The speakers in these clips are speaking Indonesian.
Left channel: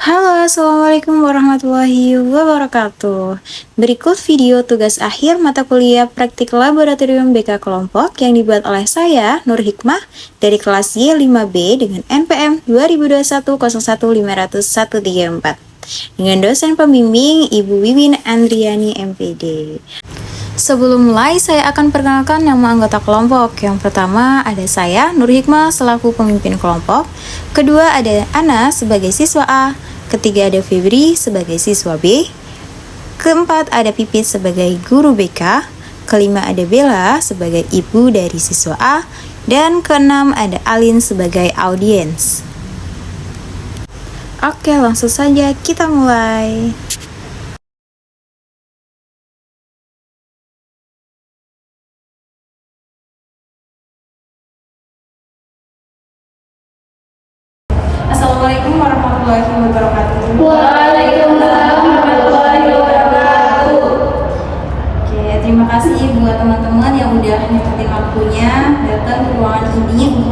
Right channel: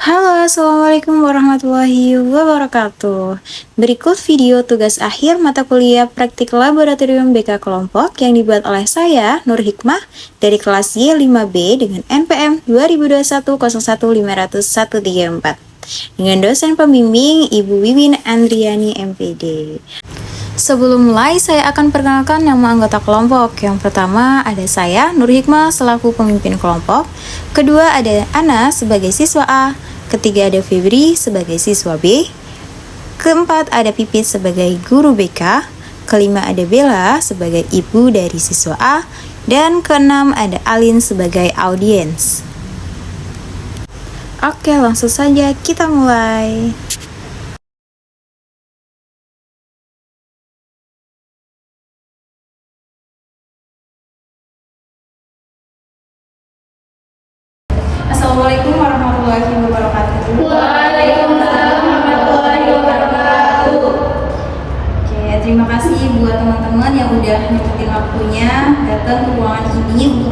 Halo, Assalamualaikum warahmatullahi wabarakatuh. Berikut video tugas akhir mata kuliah praktik laboratorium BK kelompok yang dibuat oleh saya, Nur Hikmah, dari kelas Y5B dengan NPM 2021015134 dengan dosen pembimbing Ibu Wiwin Andriani MPD. Sebelum mulai, saya akan perkenalkan nama anggota kelompok. Yang pertama ada saya, Nur Hikmah, selaku pemimpin kelompok. Kedua ada Ana sebagai siswa A. Ketiga ada Febri sebagai siswa B. Keempat ada Pipit sebagai guru BK. Kelima ada Bella sebagai ibu dari siswa A. Dan keenam ada Alin sebagai audiens. Oke, langsung saja kita mulai. Assalamualaikum warahmatullahi wabarakatuh. Waalaikumsalam warahmatullahi wabarakatuh. Oke, terima kasih buat teman-teman yang udah nyempetin waktunya datang ke ruangan ini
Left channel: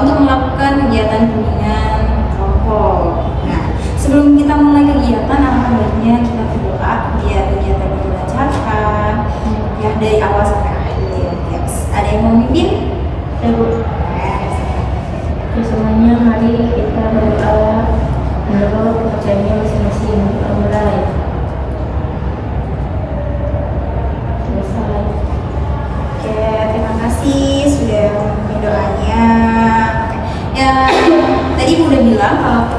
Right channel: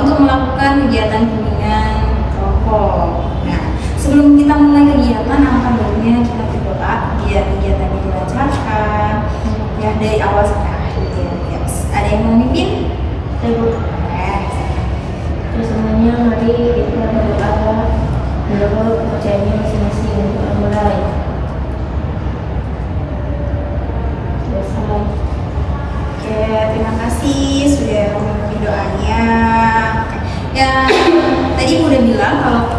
untuk melakukan kegiatan bimbingan kelompok. Nah, sebelum kita mulai kegiatan, alangkah baiknya kita berdoa biar kegiatannya dilancarkan ya dari awal sampai akhir. Yes. Ada yang mau mimpin? Ibu, semuanya mari kita berdoa menurut kepercayaannya masing-masing. Doa mulai. Selesai. Oke, terima kasih sudah memenuhi doanya. Oke. Ya, tadi Ibu udah bilang kalau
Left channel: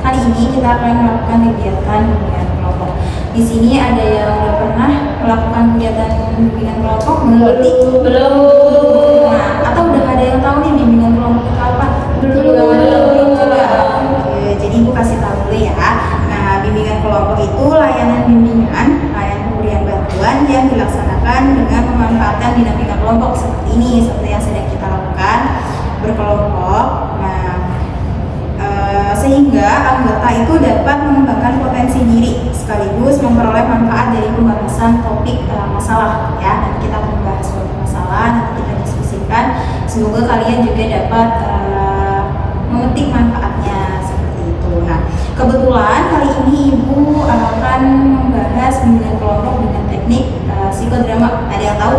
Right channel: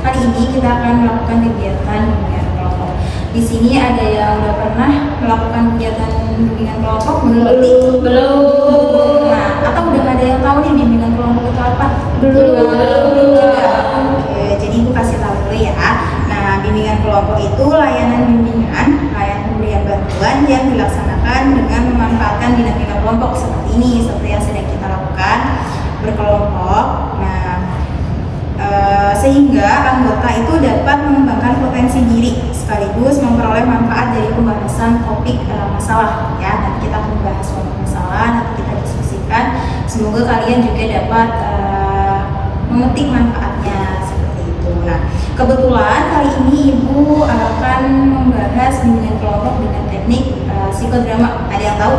kali ini kita akan melakukan kegiatan bimbingan kelompok. Di sini ada yang udah pernah melakukan kegiatan bimbingan kelompok belum? Nah, atau udah ada yang tahu nih bimbingan kelompok itu apa? Belum juga. Oke, jadi Ibu kasih tahu dulu ya. Nah, bimbingan kelompok itu layanan pemberian bantuan yang dilaksanakan dengan memanfaatkan dinamika kelompok seperti ini, seperti yang sedang kita lakukan berkelompok. Nah, sehingga anggota itu dapat mengembangkan potensi diri sekaligus memperoleh manfaat dari pembahasan topik masalah ya. Nanti kita akan membahas suatu masalah, nanti kita diskusikan. Semoga kalian juga dapat memetik manfaatnya seperti itu. Nah, kebetulan kali ini Ibu akan membahas bimbingan kelompok dengan teknik psikodrama. Ada yang tahu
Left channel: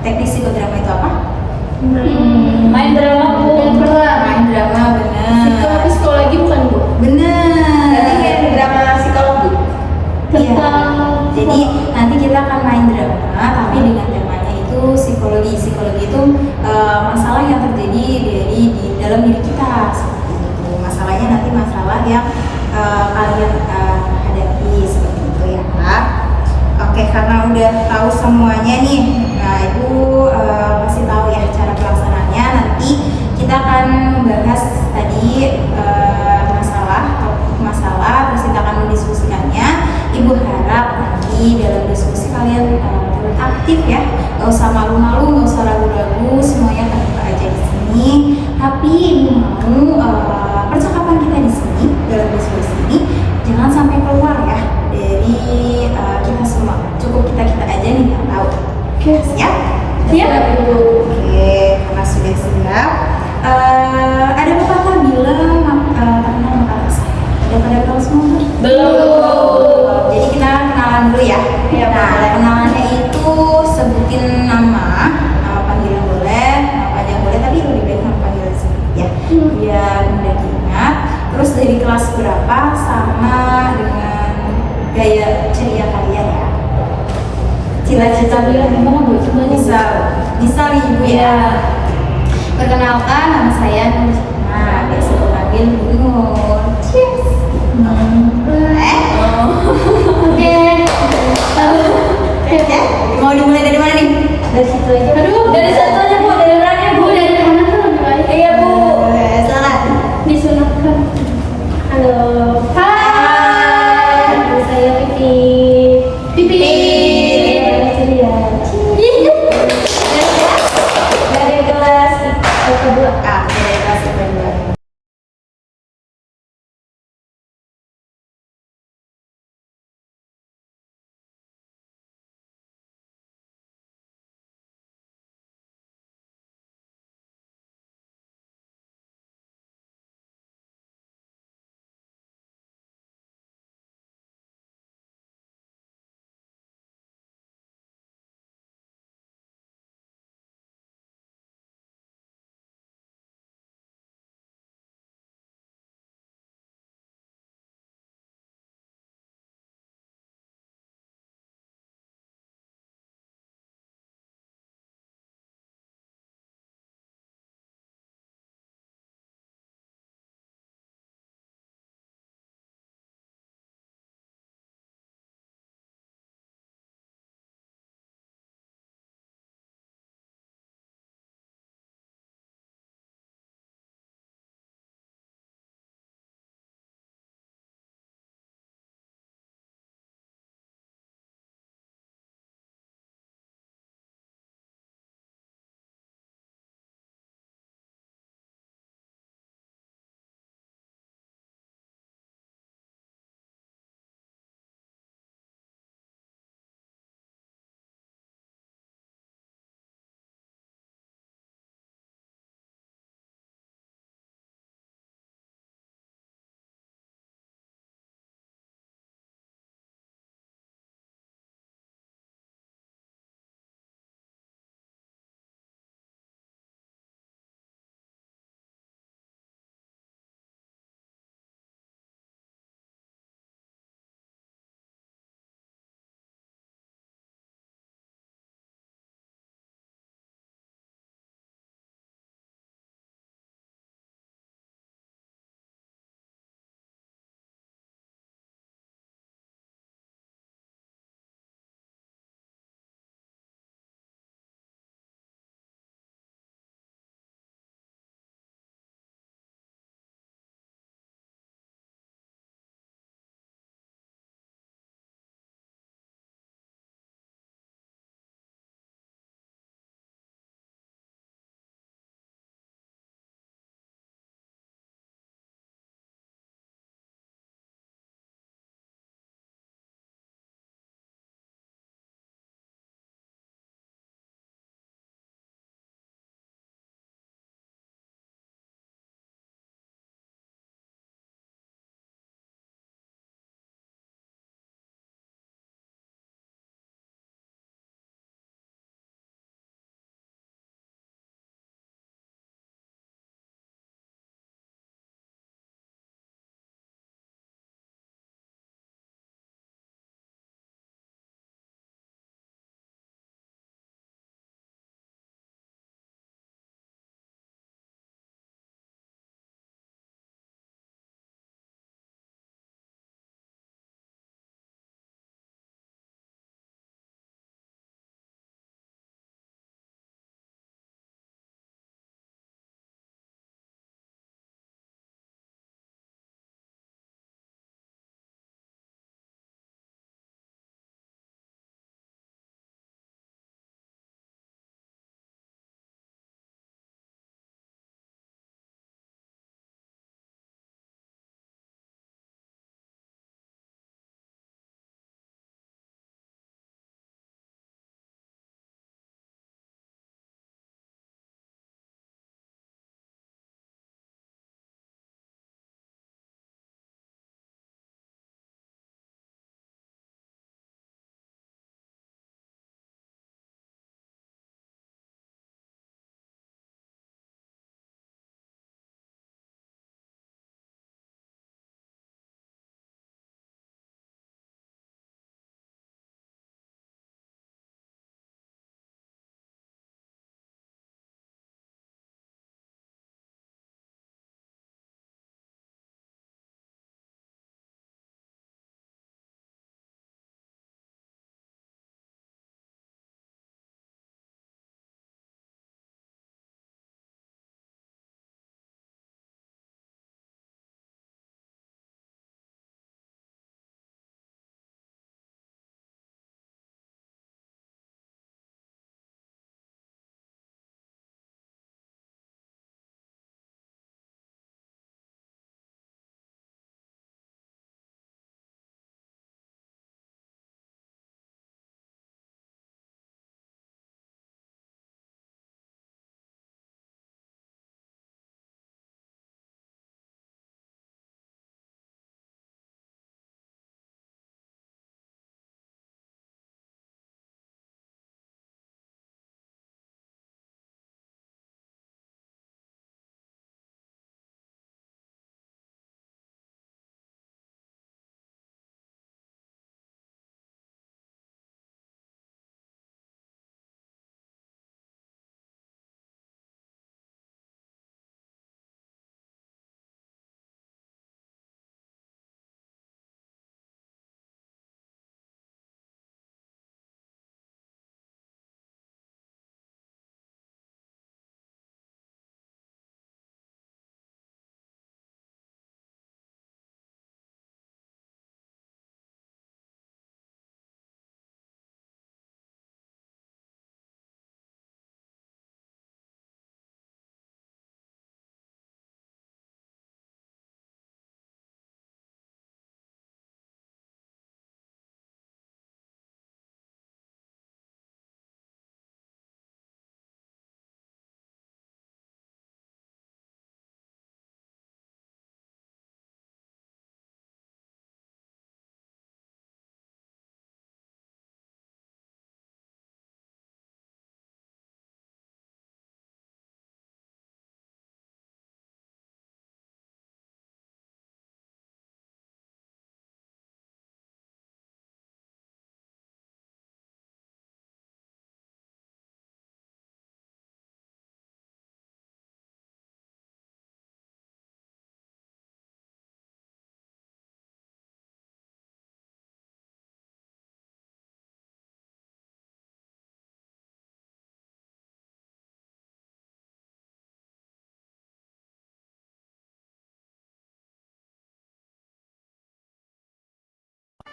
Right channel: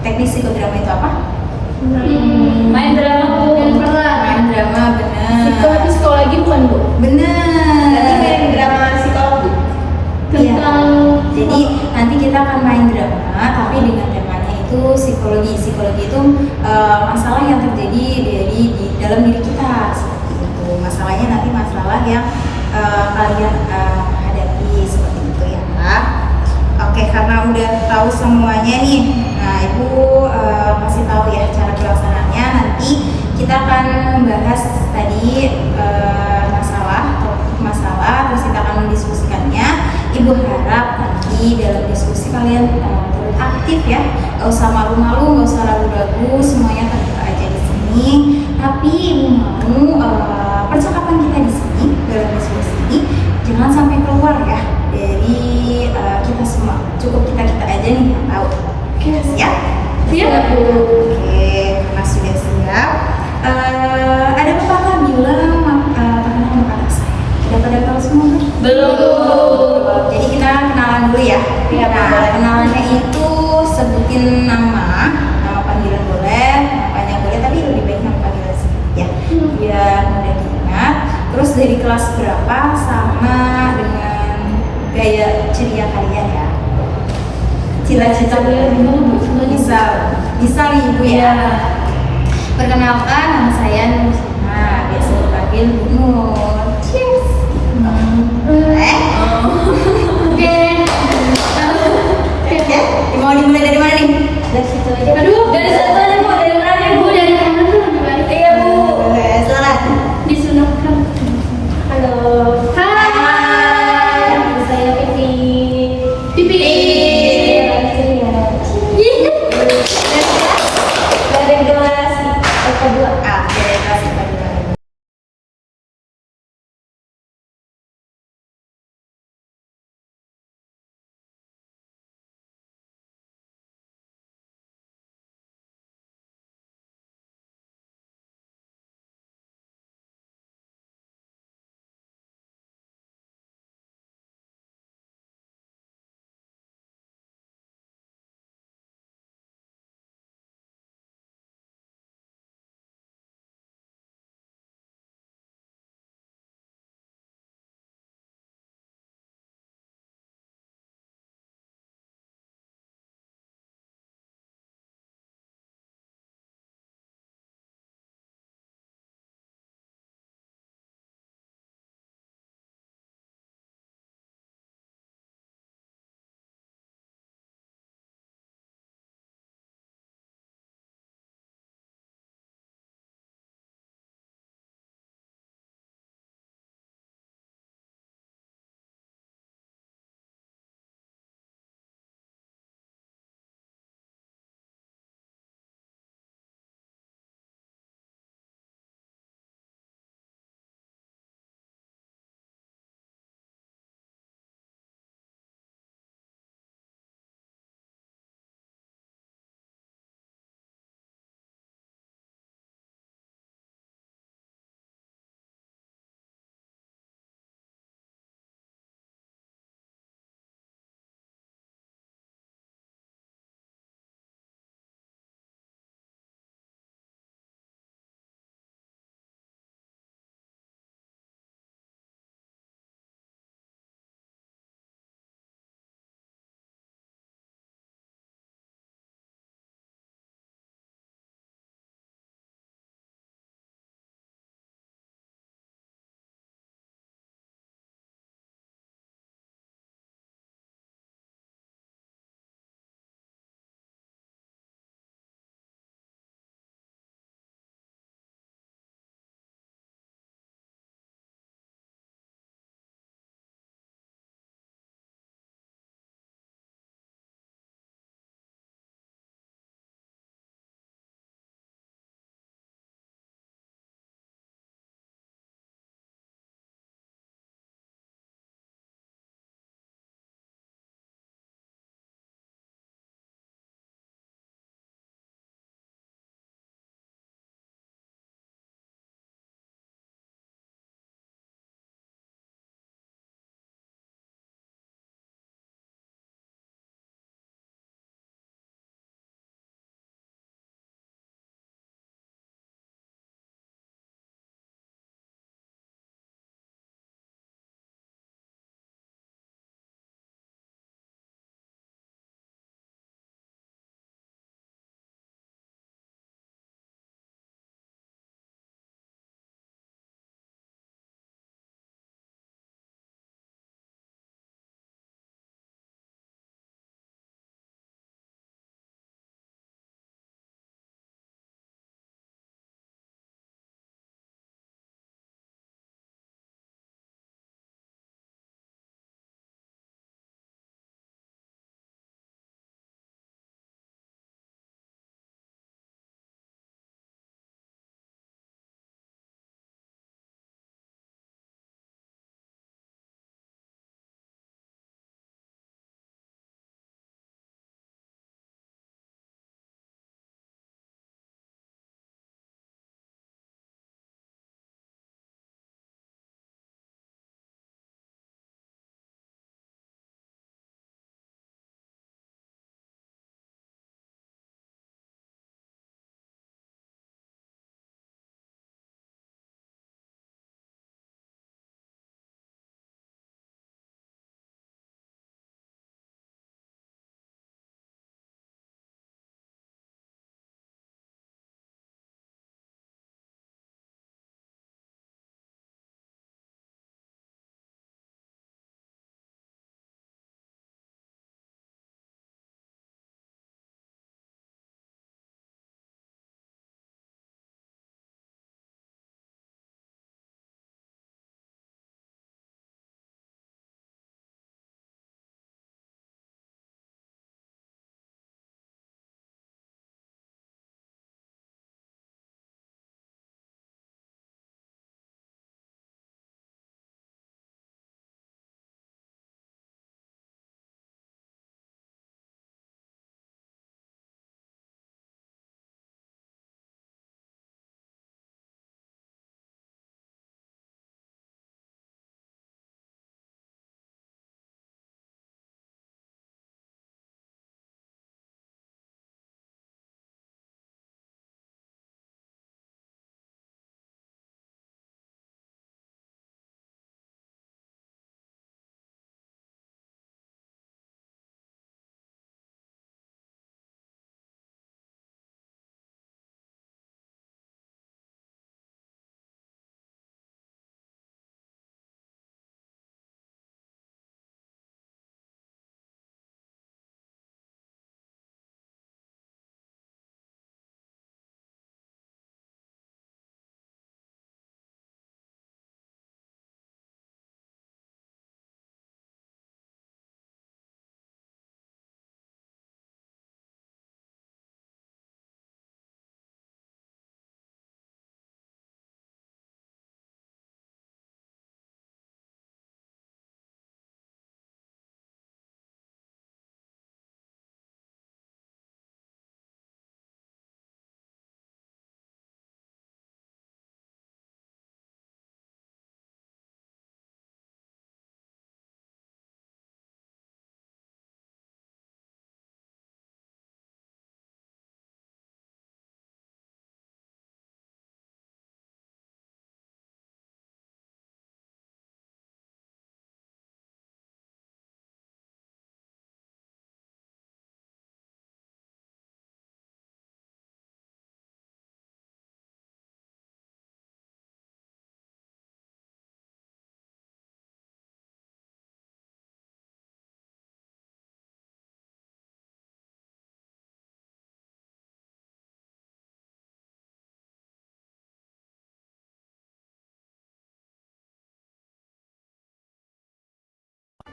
teknik psikodrama itu apa? Main drama Bu. Main drama, benar. Psikologi bukan Bu? Benar. Berarti main drama psikologi. Iya. Jadi nanti kita akan main drama, tapi dengan temanya itu psikologi. Psikologi itu masalah yang terjadi di dalam diri kita seperti itu. Masalahnya nanti masalah yang kalian hadapi seperti itu ya. Oke, karena udah tahu semuanya nih, nah Ibu pasti tahu ya cara pelaksanaannya. Nanti kita akan membahas tadi topik masalah, terus kita akan mendiskusikannya. Ibu harap nanti dalam diskusi kalian terus aktif ya, gak usah malu-malu, gak usah ragu-ragu, semuanya terbuka aja di sini. Tapi Ibu mau percakapan kita di sini dalam diskusi ini jangan sampai keluar ya dari kita semua, cukup kita aja nih yang tahu. Oke, siap? Siap. Oke, karena sudah siap, ada pepatah bilang tangan kata saya. Udah pada tahu semua kan? Belum. Jadi kita kenalan dulu ya. Iya, Nah, boleh. kenalannya itu sebutin nama panggilan boleh, nama panjang boleh, tapi lebih baik nama panggilan sedikit ya, biar mudah diingat. Terus dari kelas berapa sama dengan gaya ceria kalian ya. Cita-cita Bu ya, gimana Bu? bisa nih Ibu ya. Perkenalkan, nama saya Nur. Nah, biasa dipanggil Bu Nur. Cheers. Oke. Ya, mau dimulai dari mana nih? Dari situ aja. Aduh, dari situ aja Bu. Dari mana nih Bu? Dari kanan tuh lebih baik. Iya Bu. Silakan. Disunahkan. Halo. Hai. Nama saya Pipi. Ceria. Dari kelas kedua. Dari kelas IPA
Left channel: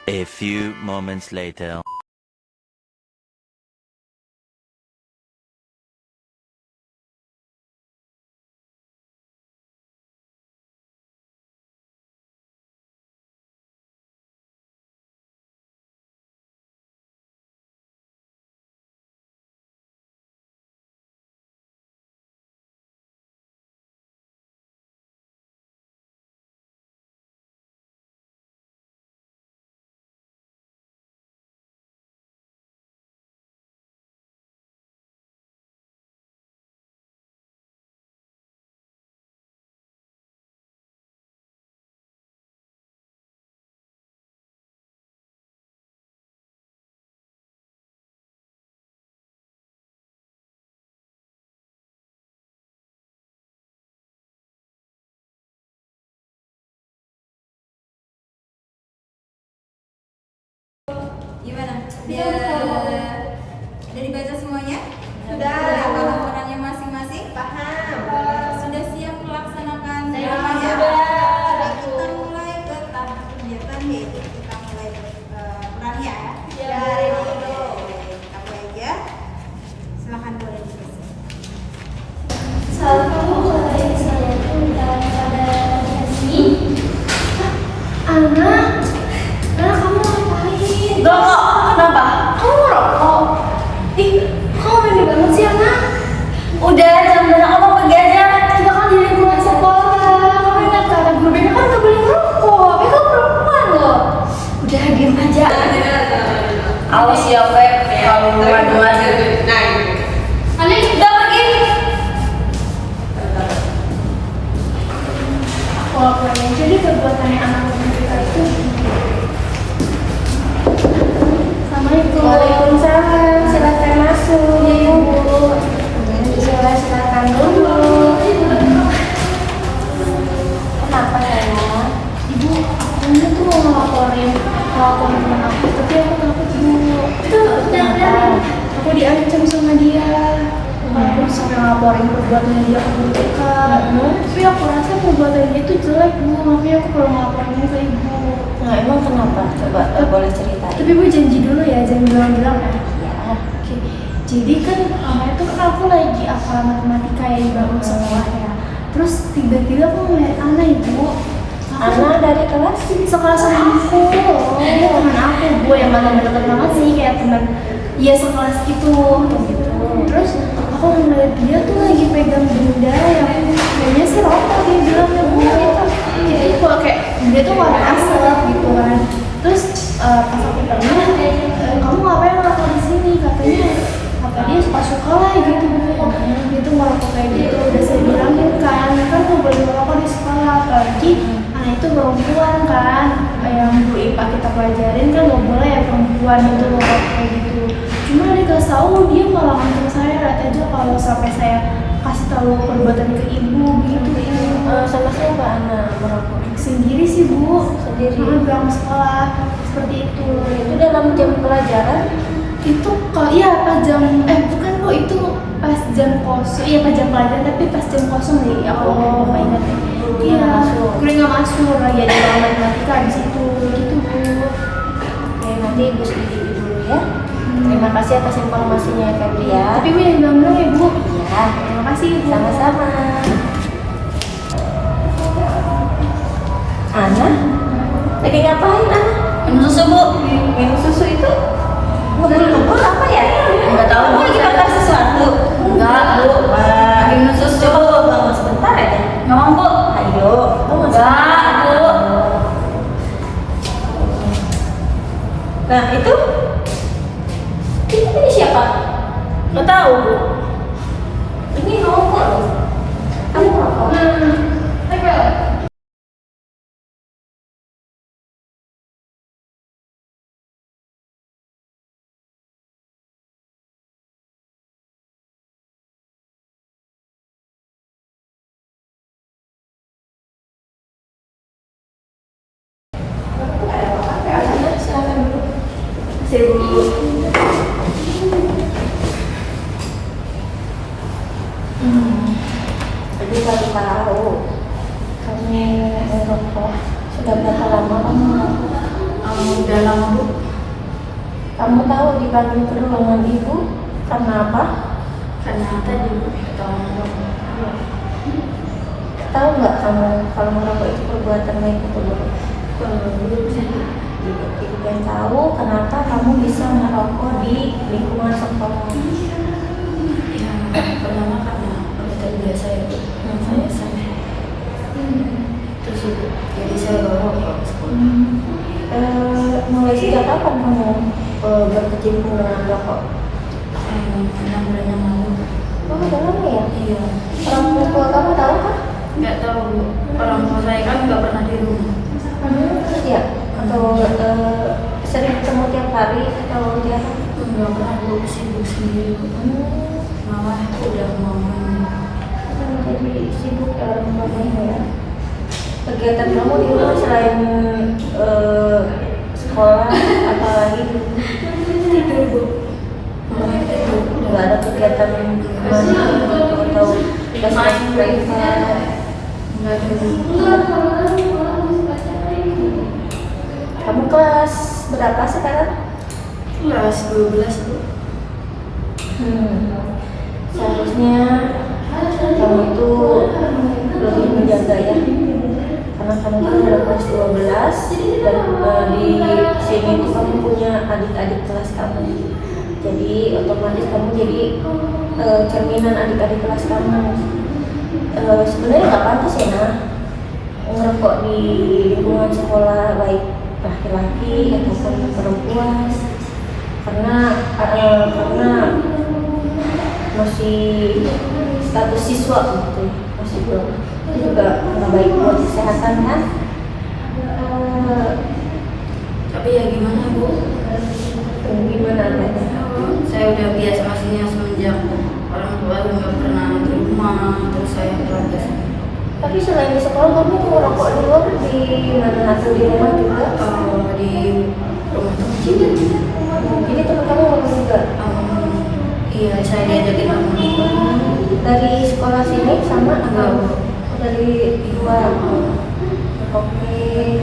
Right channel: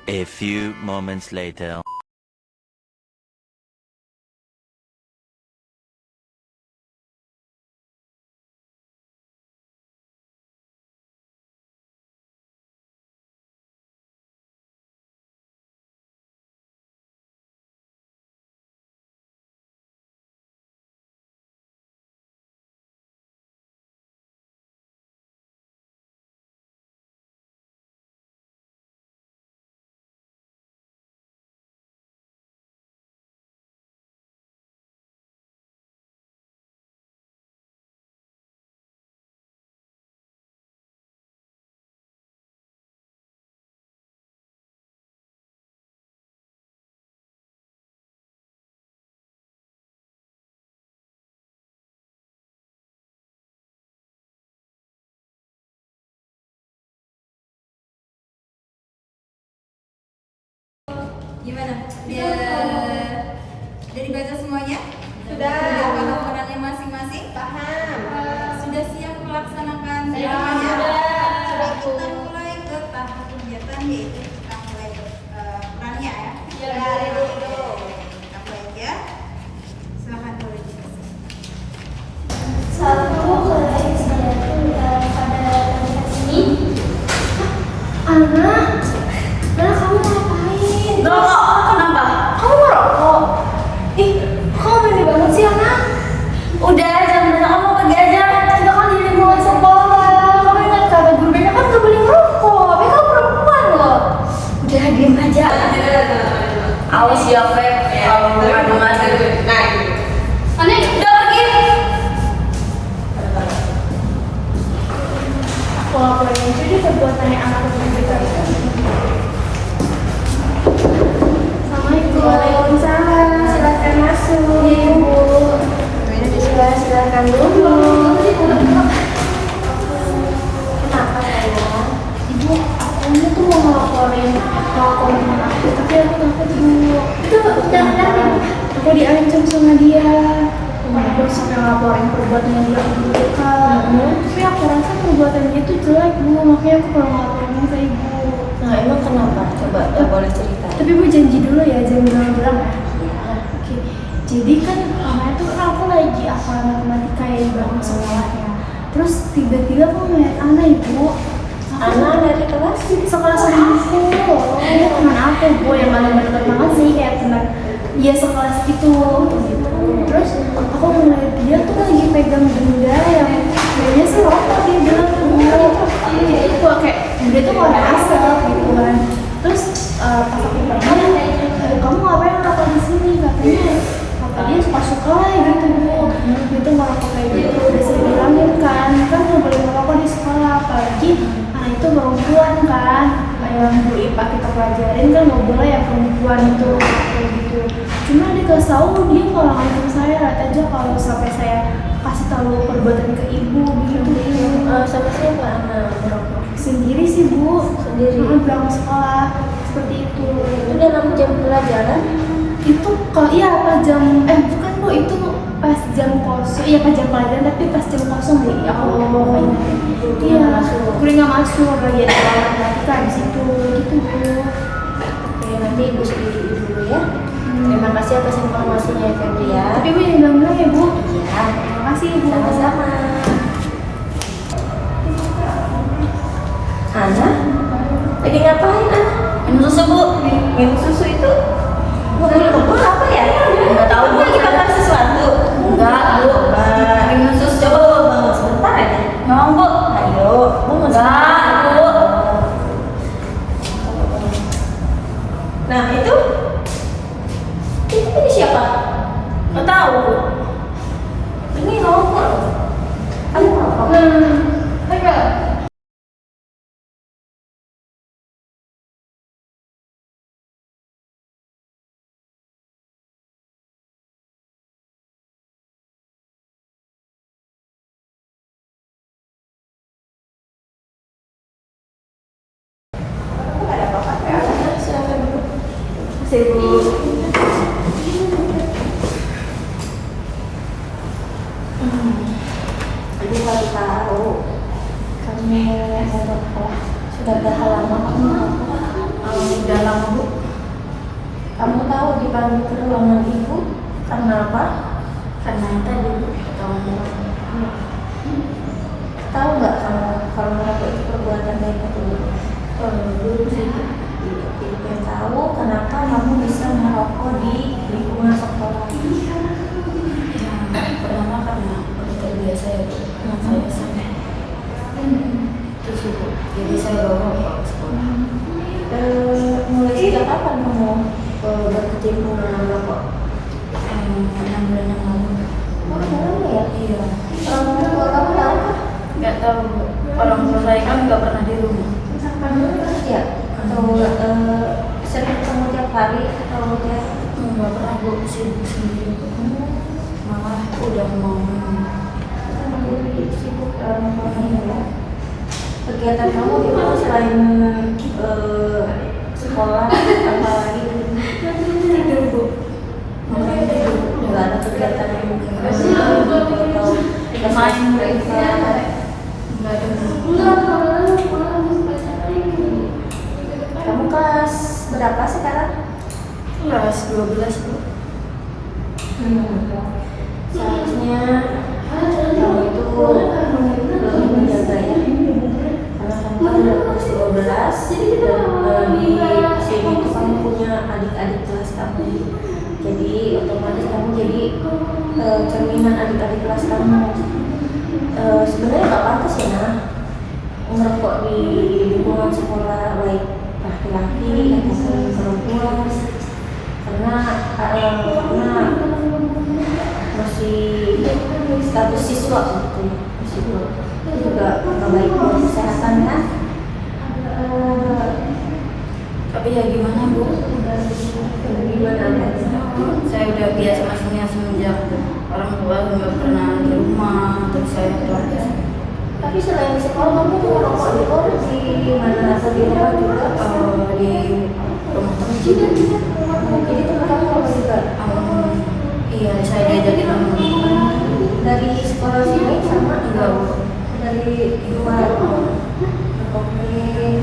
A few moments later. Gimana? Udah dibaca semuanya? Sudah. Udah paham perannya masing-masing? Paham. Sudah siap melaksanakan Saya semuanya? sudah. Kita mulai ke tahap kegiatan, yaitu kita mulai perannya ya. Ya, ready, go. Kita mulai aja. Silahkan boleh dikasih. Satu selesai saya pada sini. Ana, kamu ngapain? Gak, kenapa? Kamu merokok? Ih, kamu mandi banget sih Ana. Udah, jam berapa kamu pergi aja? Kita kan di lingkungan sekolah. Kamu ingat kata guru BK kan gak boleh merokok. BK perempuan loh. Udah diam aja. Awas ya, Feb. Kalau ngadu-ngadu. Nah, Ana, udah pergi. Aku laporin aja deh perbuatannya anak BK itu. Assalamualaikum. Waalaikumsalam, silakan masuk. Iya, Bu. Silakan duduk. Kenapa sayang? Ibu, aku ini tuh mau ngelaporin kelakuan teman aku, tapi aku takut Bu. Takut kenapa? Aku diancam sama dia. Aku sampai ngelaporin perbuatannya dia ke guru BK. Tapi aku rasa perbuatan dia tuh jelek Bu, makanya aku kalau ngelaporin ke ibu. Nah, emang kenapa? Coba boleh ceritain. Tapi Bu janji dulu ya, jangan bilang-bilang ya. Ya. Oke, jadi kan kemarin tuh kan aku lagi hafal matematika ya di bangku sekolah ya. Terus tiba-tiba aku ngeliat Ana ibu. Ana dari kelas? Sekolah sama aku. Dia teman aku Bu yang gak deket banget sih kayak teman. Iya sekelas gitu. Terus aku ngeliat dia tuh lagi pegang benda yang kayaknya sih rokok dia bilang ya Bu. Itu kok kayak benda tuh warna asap gitu kan. Terus pas aku tanya, kamu ngapain ngerokok di sini? Katanya kata dia suka-suka lah gitu Bu. Dia tuh ngerokok kayak gitu. Udah saya bilangin kan nggak boleh ngerokok di sekolah, apalagi anak itu perempuan kan. Yang Bu IPA kita pelajarin kan nggak boleh ya perempuan itu ngerokok kayak gitu. Cuma dikasih tahu dia malah ngancam saya, lihat aja kalau sampai saya kasih tahu perbuatan ke ibu gitu. Sama siapa Ana merokok? Sendiri sih Bu. Sendiri? Pulang sekolah seperti itu. Itu dalam jam pelajaran? Itu kalau iya pas jam bukan Bu, itu pas jam kosong. Iya pas jam pelajaran tapi pas jam kosong deh. Aku lupa ingat deh. Iya, gue nggak masuk lagi ada ruang matematika di situ gitu Bu. Oke, nanti Ibu sendiri dulu ya. Terima kasih atas informasinya ya Febri ya. Tapi Bu yang bilang-bilang ya Bu. Iya. Terima kasih Bu. Sama-sama. Ana, lagi ngapain Ana? minum susu, Bu. Minum susu itu ngebul-ngebul apa ya? Nggak tahu, Bu. Lagi makan sesuatu? Enggak, Bu. Lagi minum susu. Coba Bu bangun sebentar aja. Ngomong, Bu. Ayo, bangun Enggak, Bu. Nah itu ini siapa? Nggak tahu, Bu. Ini rokok loh. Kamu rokok? Silakan duduk. Jadi baru tahu kamu merokok. Sudah berapa lama kamu merokok? Udah lama Bu. Kamu tahu dipanggil ke ruangan ibu karena apa? Karena tadi Bu ketahuan merokok. Tahu nggak kamu kalau merokok itu perbuatan baik atau buruk? Belum sih Bu. Tidak tahu kenapa kamu bisa merokok di lingkungan sekolah. Ya, pertama karena udah terbiasa ya Bu. Saya sampai itu sih Bu. Jadi saya bawa rokok ke sekolah. Mulai sejak kapan kamu berkecimpung dengan rokok? 6 bulan yang lalu. Oh, udah lama ya? Iya. Orang tua kamu tahu kah? Nggak tahu Bu. Orang tua saya kan nggak pernah di rumah. Iya. Atau sering ketemu tiap hari atau jarang? Nggak pernah Bu, sibuk sendiri Bu. Malah udah mau main. Jadi sibuk ya orang tua kamu ya. Kegiatan kamu di rumah selain sekolah, apalagi Tidur Bu. Makanya tidur. nggak ada kegiatan atau Main privat? Nggak ada Bu. Kamu kelas berapa sekarang? Kelas 12 Bu. Seharusnya kamu itu lebih menjaga ya, karena kamu kan udah kelas 12 dan di sini itu kamu punya adik-adik kelas kamu, jadi otomatis kamu jadi cerminan adik-adik kelas kamu. Sebenarnya nggak pantas ya nah ngerokok di lingkungan sekolah, baik laki-laki ataupun perempuan, karena masih status siswa gitu, masih belum, itu juga nggak baik buat kesehatan kan. Tapi ya gimana Bu? Gimana adanya? Saya udah biasa masihnya semenjak orang tua nggak pernah di rumah, terus saya pulang biasa. Tapi selain di sekolah kamu ngerokok di luar, di mana atau di rumah juga? Di rumah teman sini. Jadi teman kamu ngerokok juga? Iya, saya diajakin teman. Dari sekolah sini sama Enggak, Bu. Oh, dari luar? Oke.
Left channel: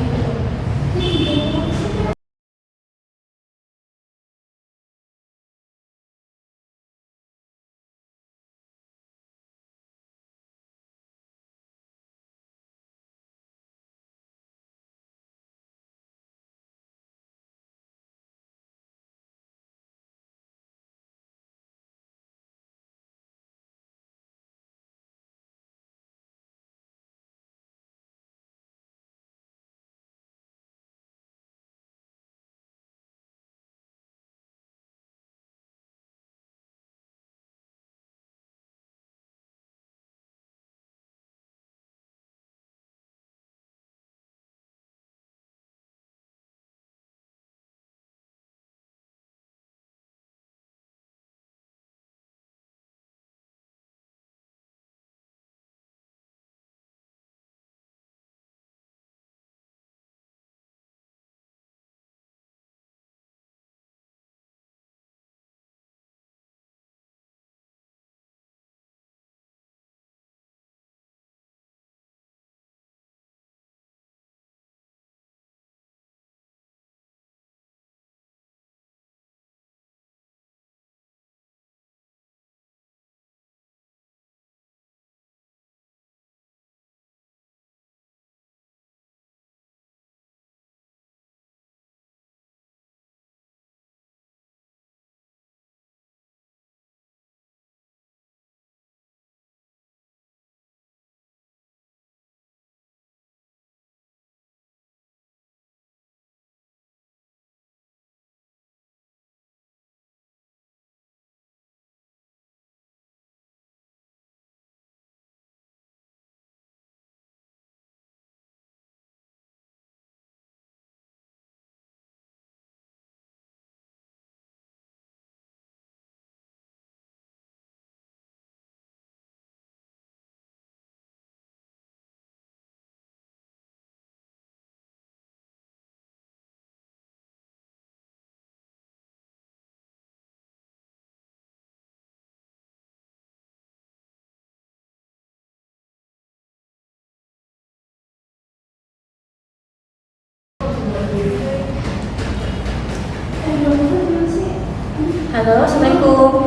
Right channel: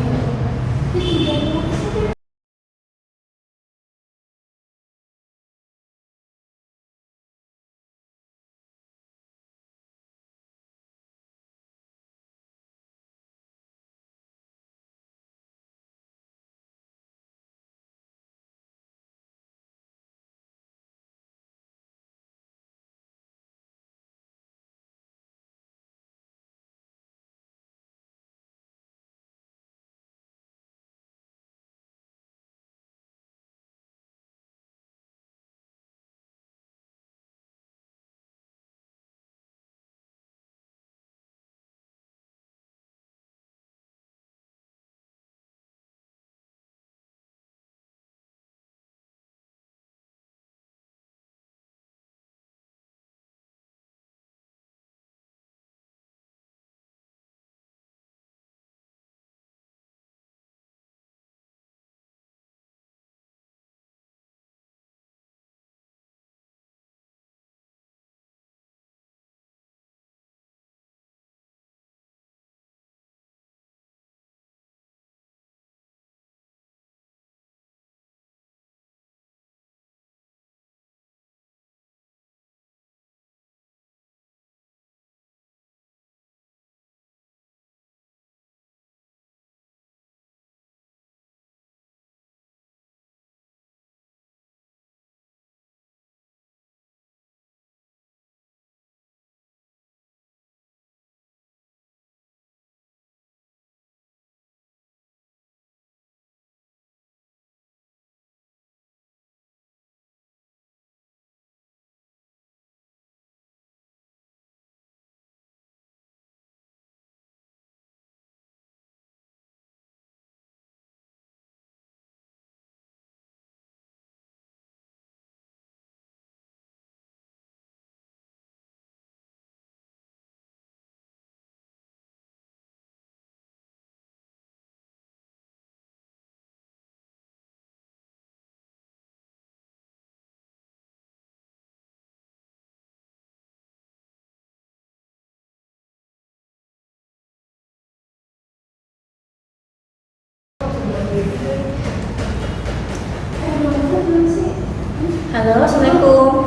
Halo, assalamualaikum.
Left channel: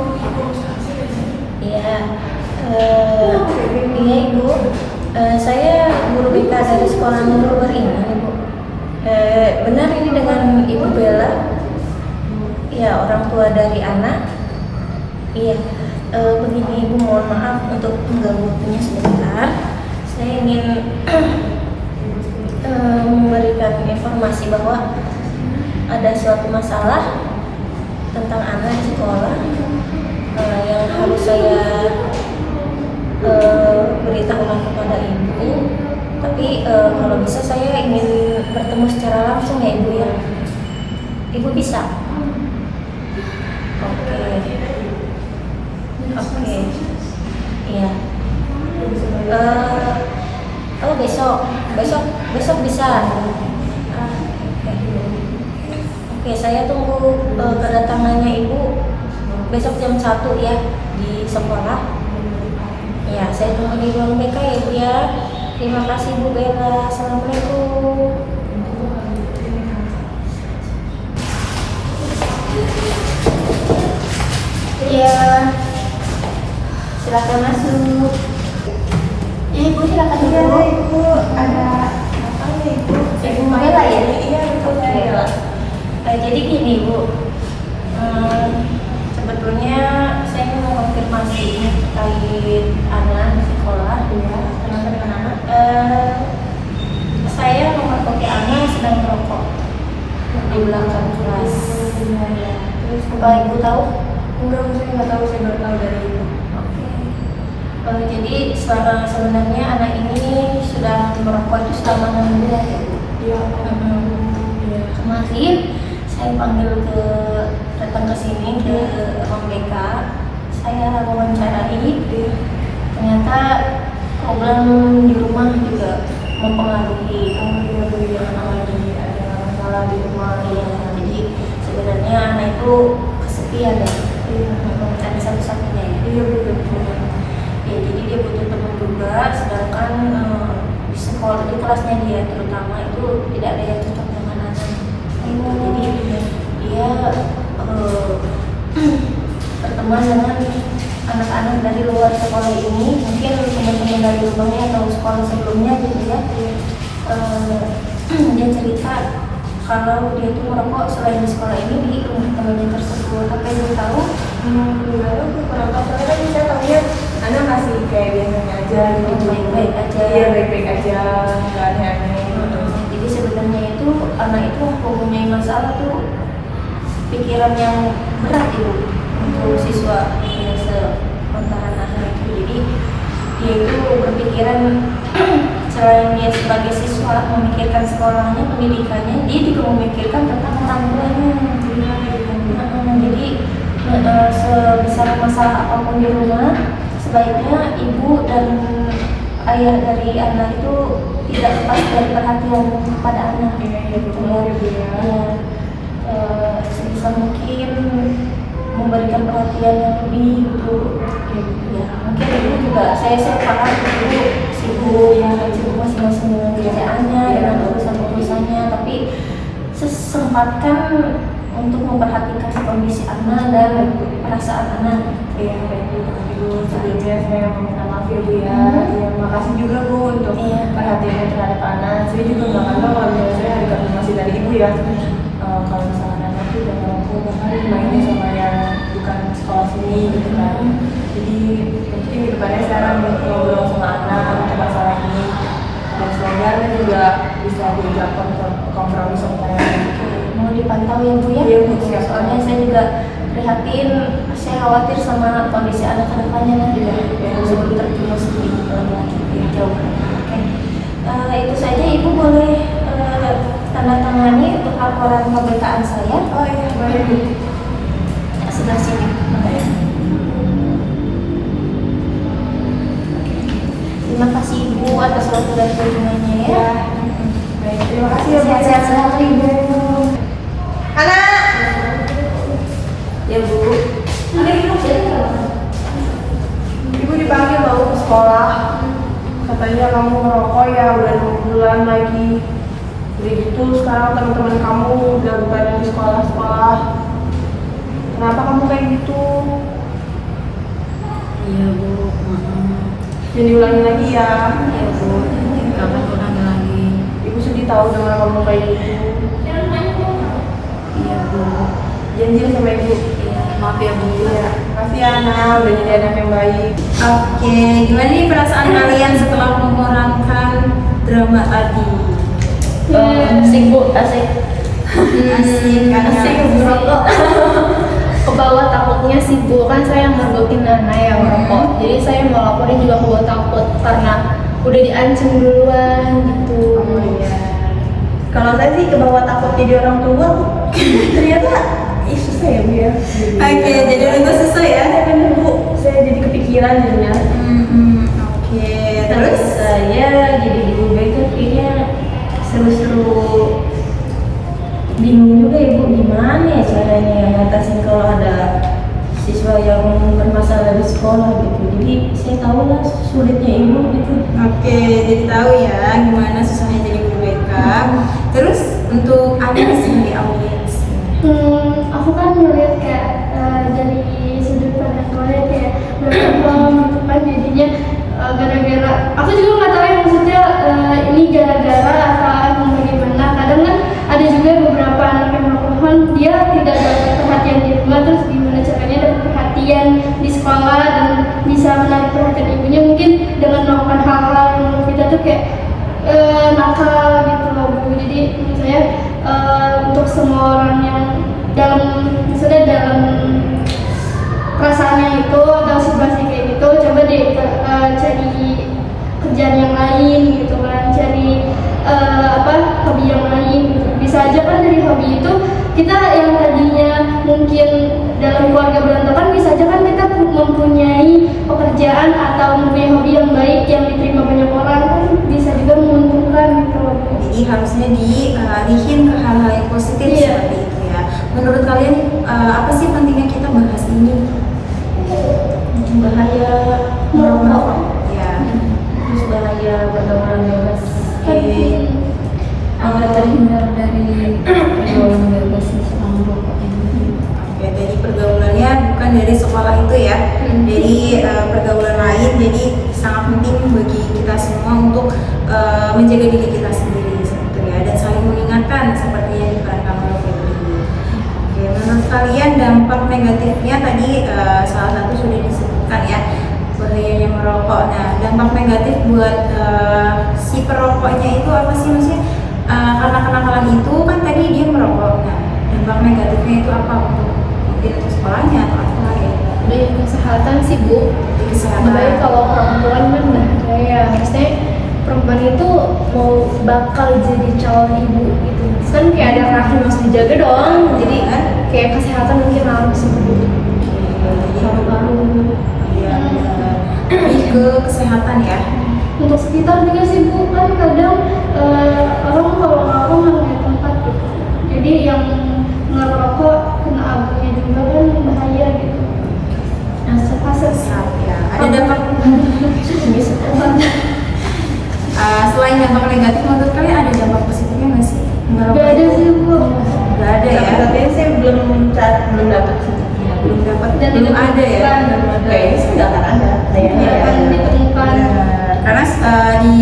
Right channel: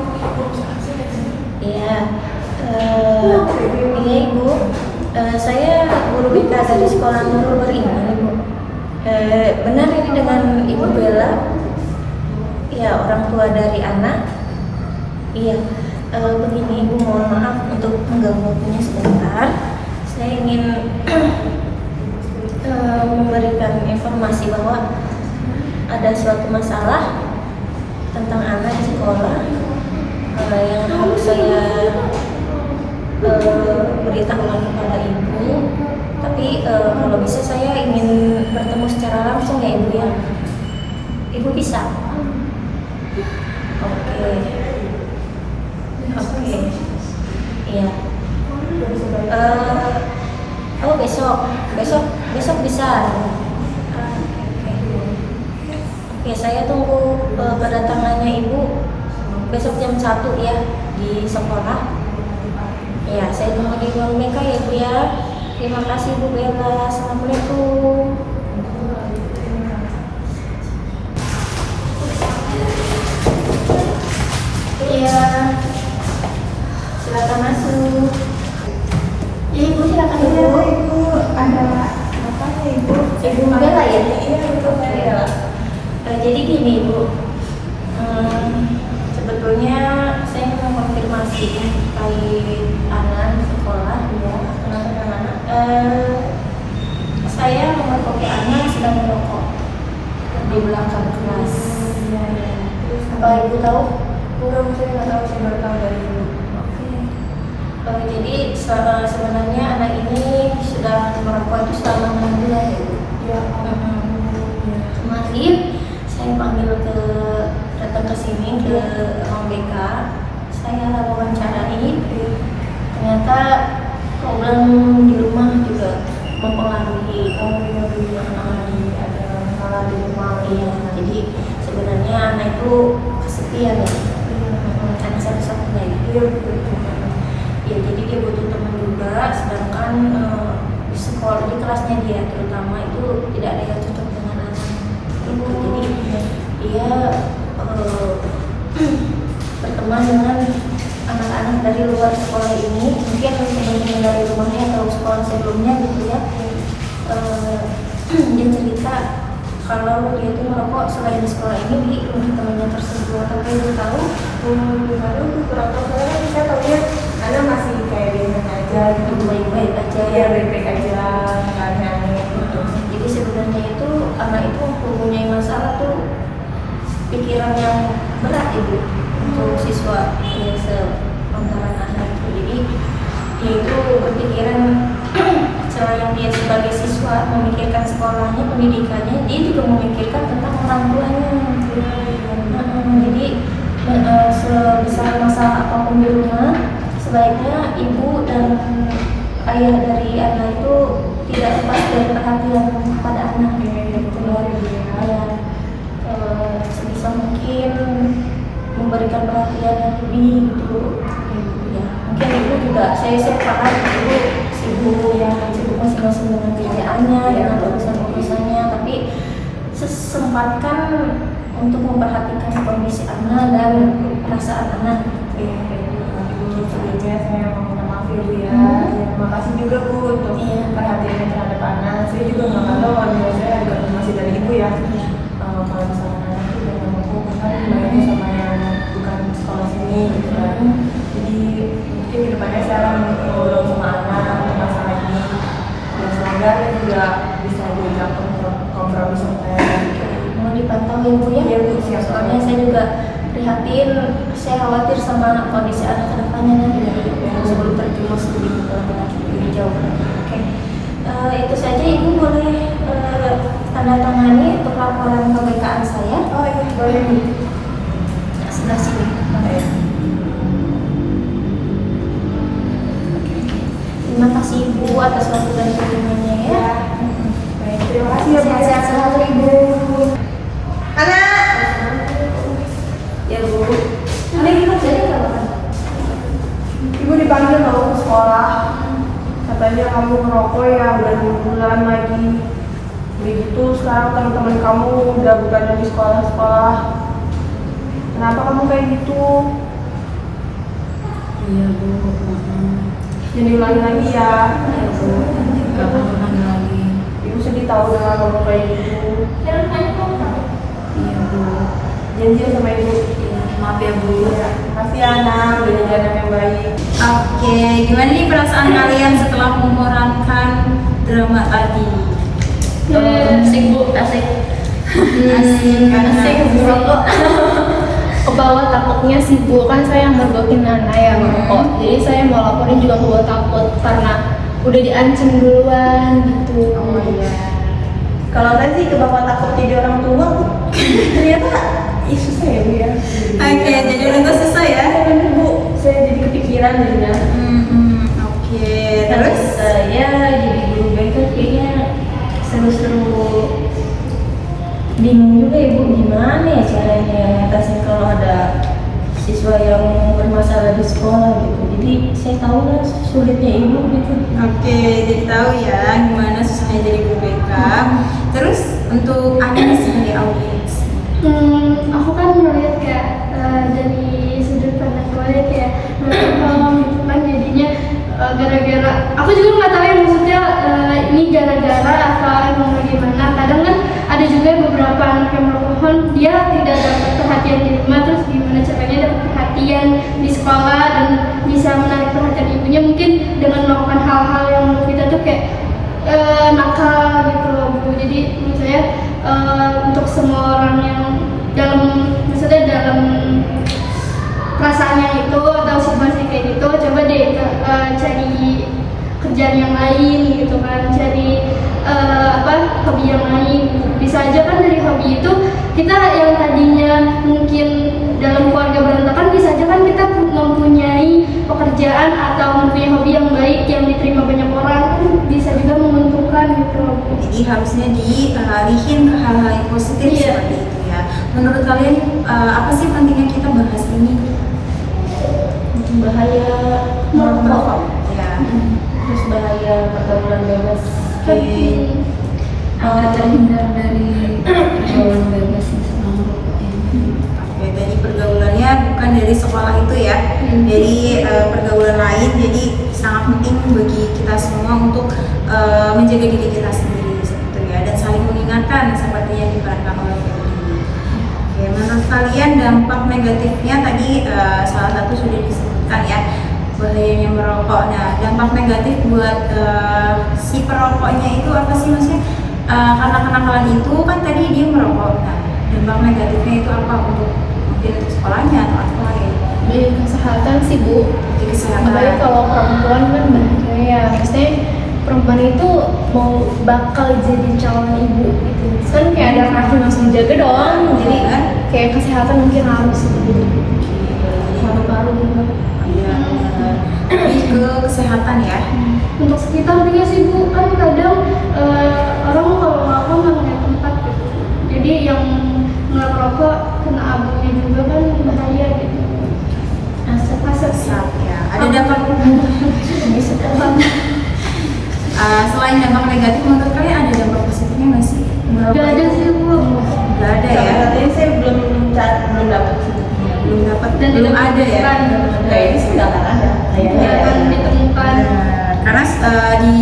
Iya, iya Ibu. Saya guru BK dari sekolah Nurul Beriman, Ibu. Benar ini dengan Ibu Bella? Ya, orang tua dari anak. Iya. Begini Ibu, mohon maaf untuk mengganggu waktunya sebentar. Saya ingin memberikan informasi bahwa ada suatu masalah tentang anak di sekolah yang harus saya beritahukan kepada Ibu. Tapi kalau bisa saya ingin bertemu secara langsung ya Ibu ya. Ibu bisa? Oke, iya. Oh besok bisa. Oke, saya tunggu kedatangannya Ibu besok jam 1 ya di sekolah. Ya, saya tunggu di ruang BK ya Ibu ya. Terima kasih Bu Bella. Assalamualaikum. Iya. Silakan masuk. Ya Ibu, silakan Ibu. Iya, Ibu ada apa ya Ibu? Ibu Bella ya? Iya, betul Bella. Jadi gini Bu, sebetulnya saya mau konfirmasi ini terkait anak di sekolah. Iya, kenapa dengan anak? Saya memergoki anak sedang merokok di belakang kelas. Iya. Terus Apa Ibu tahu? enggak, saya nggak tahu, saya baru tahu dari Ibu. Oke. Jadi sebenarnya anak ini sudah merokok itu selama 6 bulan ya Bu. Iya. Iya. Kemarin saya panggil datang ke sini ke ruang BK, saya wawancarai. Ternyata problem di rumah juga mempengaruhi. Iya, lagi ada masalah di rumah. Iya, jadi sebenarnya anak itu kesepian ya. Iya. Anak satu-satunya ya. Iya, betul. Ya, jadi dia butuh teman juga, sedangkan di sekolah, di kelasnya dia terutama itu tidak ada yang cocok dengan anak gitu. Jadi dia berteman dengan anak-anak dari luar sekolah ini, mungkin teman-teman dari rumahnya atau sekolah sebelumnya gitu ya. Dia cerita kalau dia itu merokok selain di sekolah ini di rumah temannya tersebut. Apa Ibu tahu? Gimana tuh kurang tahu, soalnya kan saya tahunya anak masih kayak biasanya aja gitu. Baik-baik aja. Iya, baik-baik aja, nggak aneh-aneh gitu. Jadi sebenarnya itu anak itu mempunyai masalah tuh pikiran yang berat Ibu untuk siswa ya sepantaran anak itu. Jadi dia itu berpikiran selain dia sebagai siswa memikirkan sekolahnya, pendidikannya, dia juga memikirkan tentang orang tuanya. Jadi sebesar masalah apapun di rumah, sebaiknya ibu dan ayah dari anak itu tidak lepas dari perhatian kepada anak. Iya, betul banget Ibu ya. Ya, sebisa mungkin memberikan perhatian yang lebih gitu. Ya, mungkin ibu juga saya paham ibu sibuk ya, sibuk masing-masing dengan kerjaannya, dengan urusan-urusannya, tapi sempatkan untuk memperhatikan kondisi anak dan perasaan anak. Iya, kayak gitu. Ibu sebelumnya saya mau minta maaf ya Bu ya. Iya, makasih juga Bu untuk perhatiannya terhadap anak. Saya juga nggak akan tahu kalau misalnya saya ada konfirmasi dari Ibu ya. Kalau misalnya anak itu udah merokok, bahkan mainnya sama yang bukan sekolah sini gitu kan. Jadi mungkin kedepannya saya akan ngobrol sama anak untuk masalah ini. Dan semoga anak juga bisa diajak kompromi sama saya gitu. Mau dipantau ya Bu ya? Iya, Bu, siap. Soalnya saya juga prihatin, saya khawatir sama kondisi anak kedepannya nanti sebelum terjumus lebih jauh. Oke. Itu saja Ibu boleh tanda tangani untuk laporan pemeriksaan saya. Oh iya, boleh Bu. Sebelah sini. Ya. Terima kasih Ibu atas waktu dan perhatiannya ya. Baik, terima kasih ya Bu. Sehat-sehat selalu Ibu. Anak. Ya Bu. Ibu dipanggil loh ke sekolah. Katanya kamu merokok ya udah 2 bulan lagi. Jadi gitu sekarang teman-teman kamu udah bukan di sekolah-sekolah. Kenapa kamu kayak gitu? Iya Bu, maaf. Jangan diulangi lagi ya. Iya Bu, gak akan ulangi lagi. Ibu sedih tahu dengan kamu kayak gitu. Iya Bu. Janji sama ibu. Iya, maaf ya Bu. Ya, makasih ya Ana, udah jadi anak yang baik. Oke, gimana nih perasaan kalian setelah memerankan drama tadi? Asik Bu, asik. Asik kan? Asik merokok. Ke bawah takutnya sih Bu, kan saya yang mergokin Nana yang merokok. Jadi saya mau laporin juga ke bawah takut karena udah diancam duluan gitu. Oh iya. Kalau saya sih ke bawah takut jadi orang tua Bu. Ternyata susah ya Bu ya. Oke, jadi udah selesai ya? Bener Bu, saya jadi kepikiran jadinya. Oke, terus? Saya jadi guru BK kayaknya seru-seru. Bingung juga Ibu gimana ya caranya ngatasin kalau ada siswa yang bermasalah di sekolah gitu. Jadi saya tahu lah sulitnya Ibu gitu. Oke, jadi tahu ya gimana susahnya jadi guru BK. Terus untuk Anda sebagai audiens, Aku kan melihat kayak dari sudut pandang keluarga kayak berpaham gitu kan jadinya gara-gara aku juga nggak tahu ya maksudnya ini gara-gara atau emang bagaimana. Kadang kan ada juga beberapa anak yang berpohon dia tidak dapat perhatian di rumah, terus gimana caranya dapat perhatian di sekolah dan bisa menarik perhatian ibunya mungkin dengan melakukan hal-hal yang menurut kita tuh kayak nakal gitu loh Bu. Jadi menurut saya untuk semua orang yang maksudnya dalam perasaannya itu atau situasi kayak gitu, coba deh cari kerjaan yang lain gitu kan, cari hobi yang lain. Bisa aja kan dari hobi itu kita yang tadinya mungkin dalam keluarga berantakan, bisa aja kan kita mempunyai pekerjaan atau mempunyai hobi yang baik yang diterima banyak orang, kan bisa juga menguntungkan gitu. jadi harusnya dialihin ke hal-hal yang positif seperti itu ya. Menurut kalian apa sih pentingnya kita bahas ini? Bahaya Merokok. Ya. terus bahaya pergaulan bebas. Oke. Agar terhindar dari pergaulan bebas siswa merokok ini. Oke, tadi pergaulannya bukan dari sekolah itu ya, dari pergaulan lain. Jadi sangat penting bagi kita semua untuk menjaga diri kita sendiri seperti itu ya, dan saling mengingatkan seperti yang diperankan oleh Febri. Oke, menurut kalian dampak negatifnya tadi salah satu sudah disebutkan ya, bahayanya merokok. Nah, dampak negatif buat si perokoknya itu apa sih, maksudnya karena kenakalan itu kan tadi dia merokok. Nah, dampak negatifnya itu apa untuk mungkin untuk sekolahnya atau apa ya? Di kesehatan sih Bu, Di kesehatan. apalagi kalau perempuan kan bahaya, maksudnya perempuan itu mau bakal jadi calon ibu gitu, kan kayak ada rahim yang harus dijaga dong, jadi kayak kesehatan mungkin harus gitu. Paru-paru juga. Iya, benar. Lebih ke kesehatan ya. Untuk sekitar juga sih Bu, kan kadang orang kalau merokok nggak ngeliat tempat gitu, jadi yang merokok kena abunya juga kan bahaya gitu. Asap ya. Ada dampak selain dampak negatif, menurut kalian ada dampak positifnya nggak sih? Gak ada sih Bu. Nggak ada ya. Katanya saya belum dapat sih. Ya, belum dapat, Dan belum ada ya. Kayaknya sih nggak akan ada. Kayaknya ya. Akan ditemukan. Benar. Karena di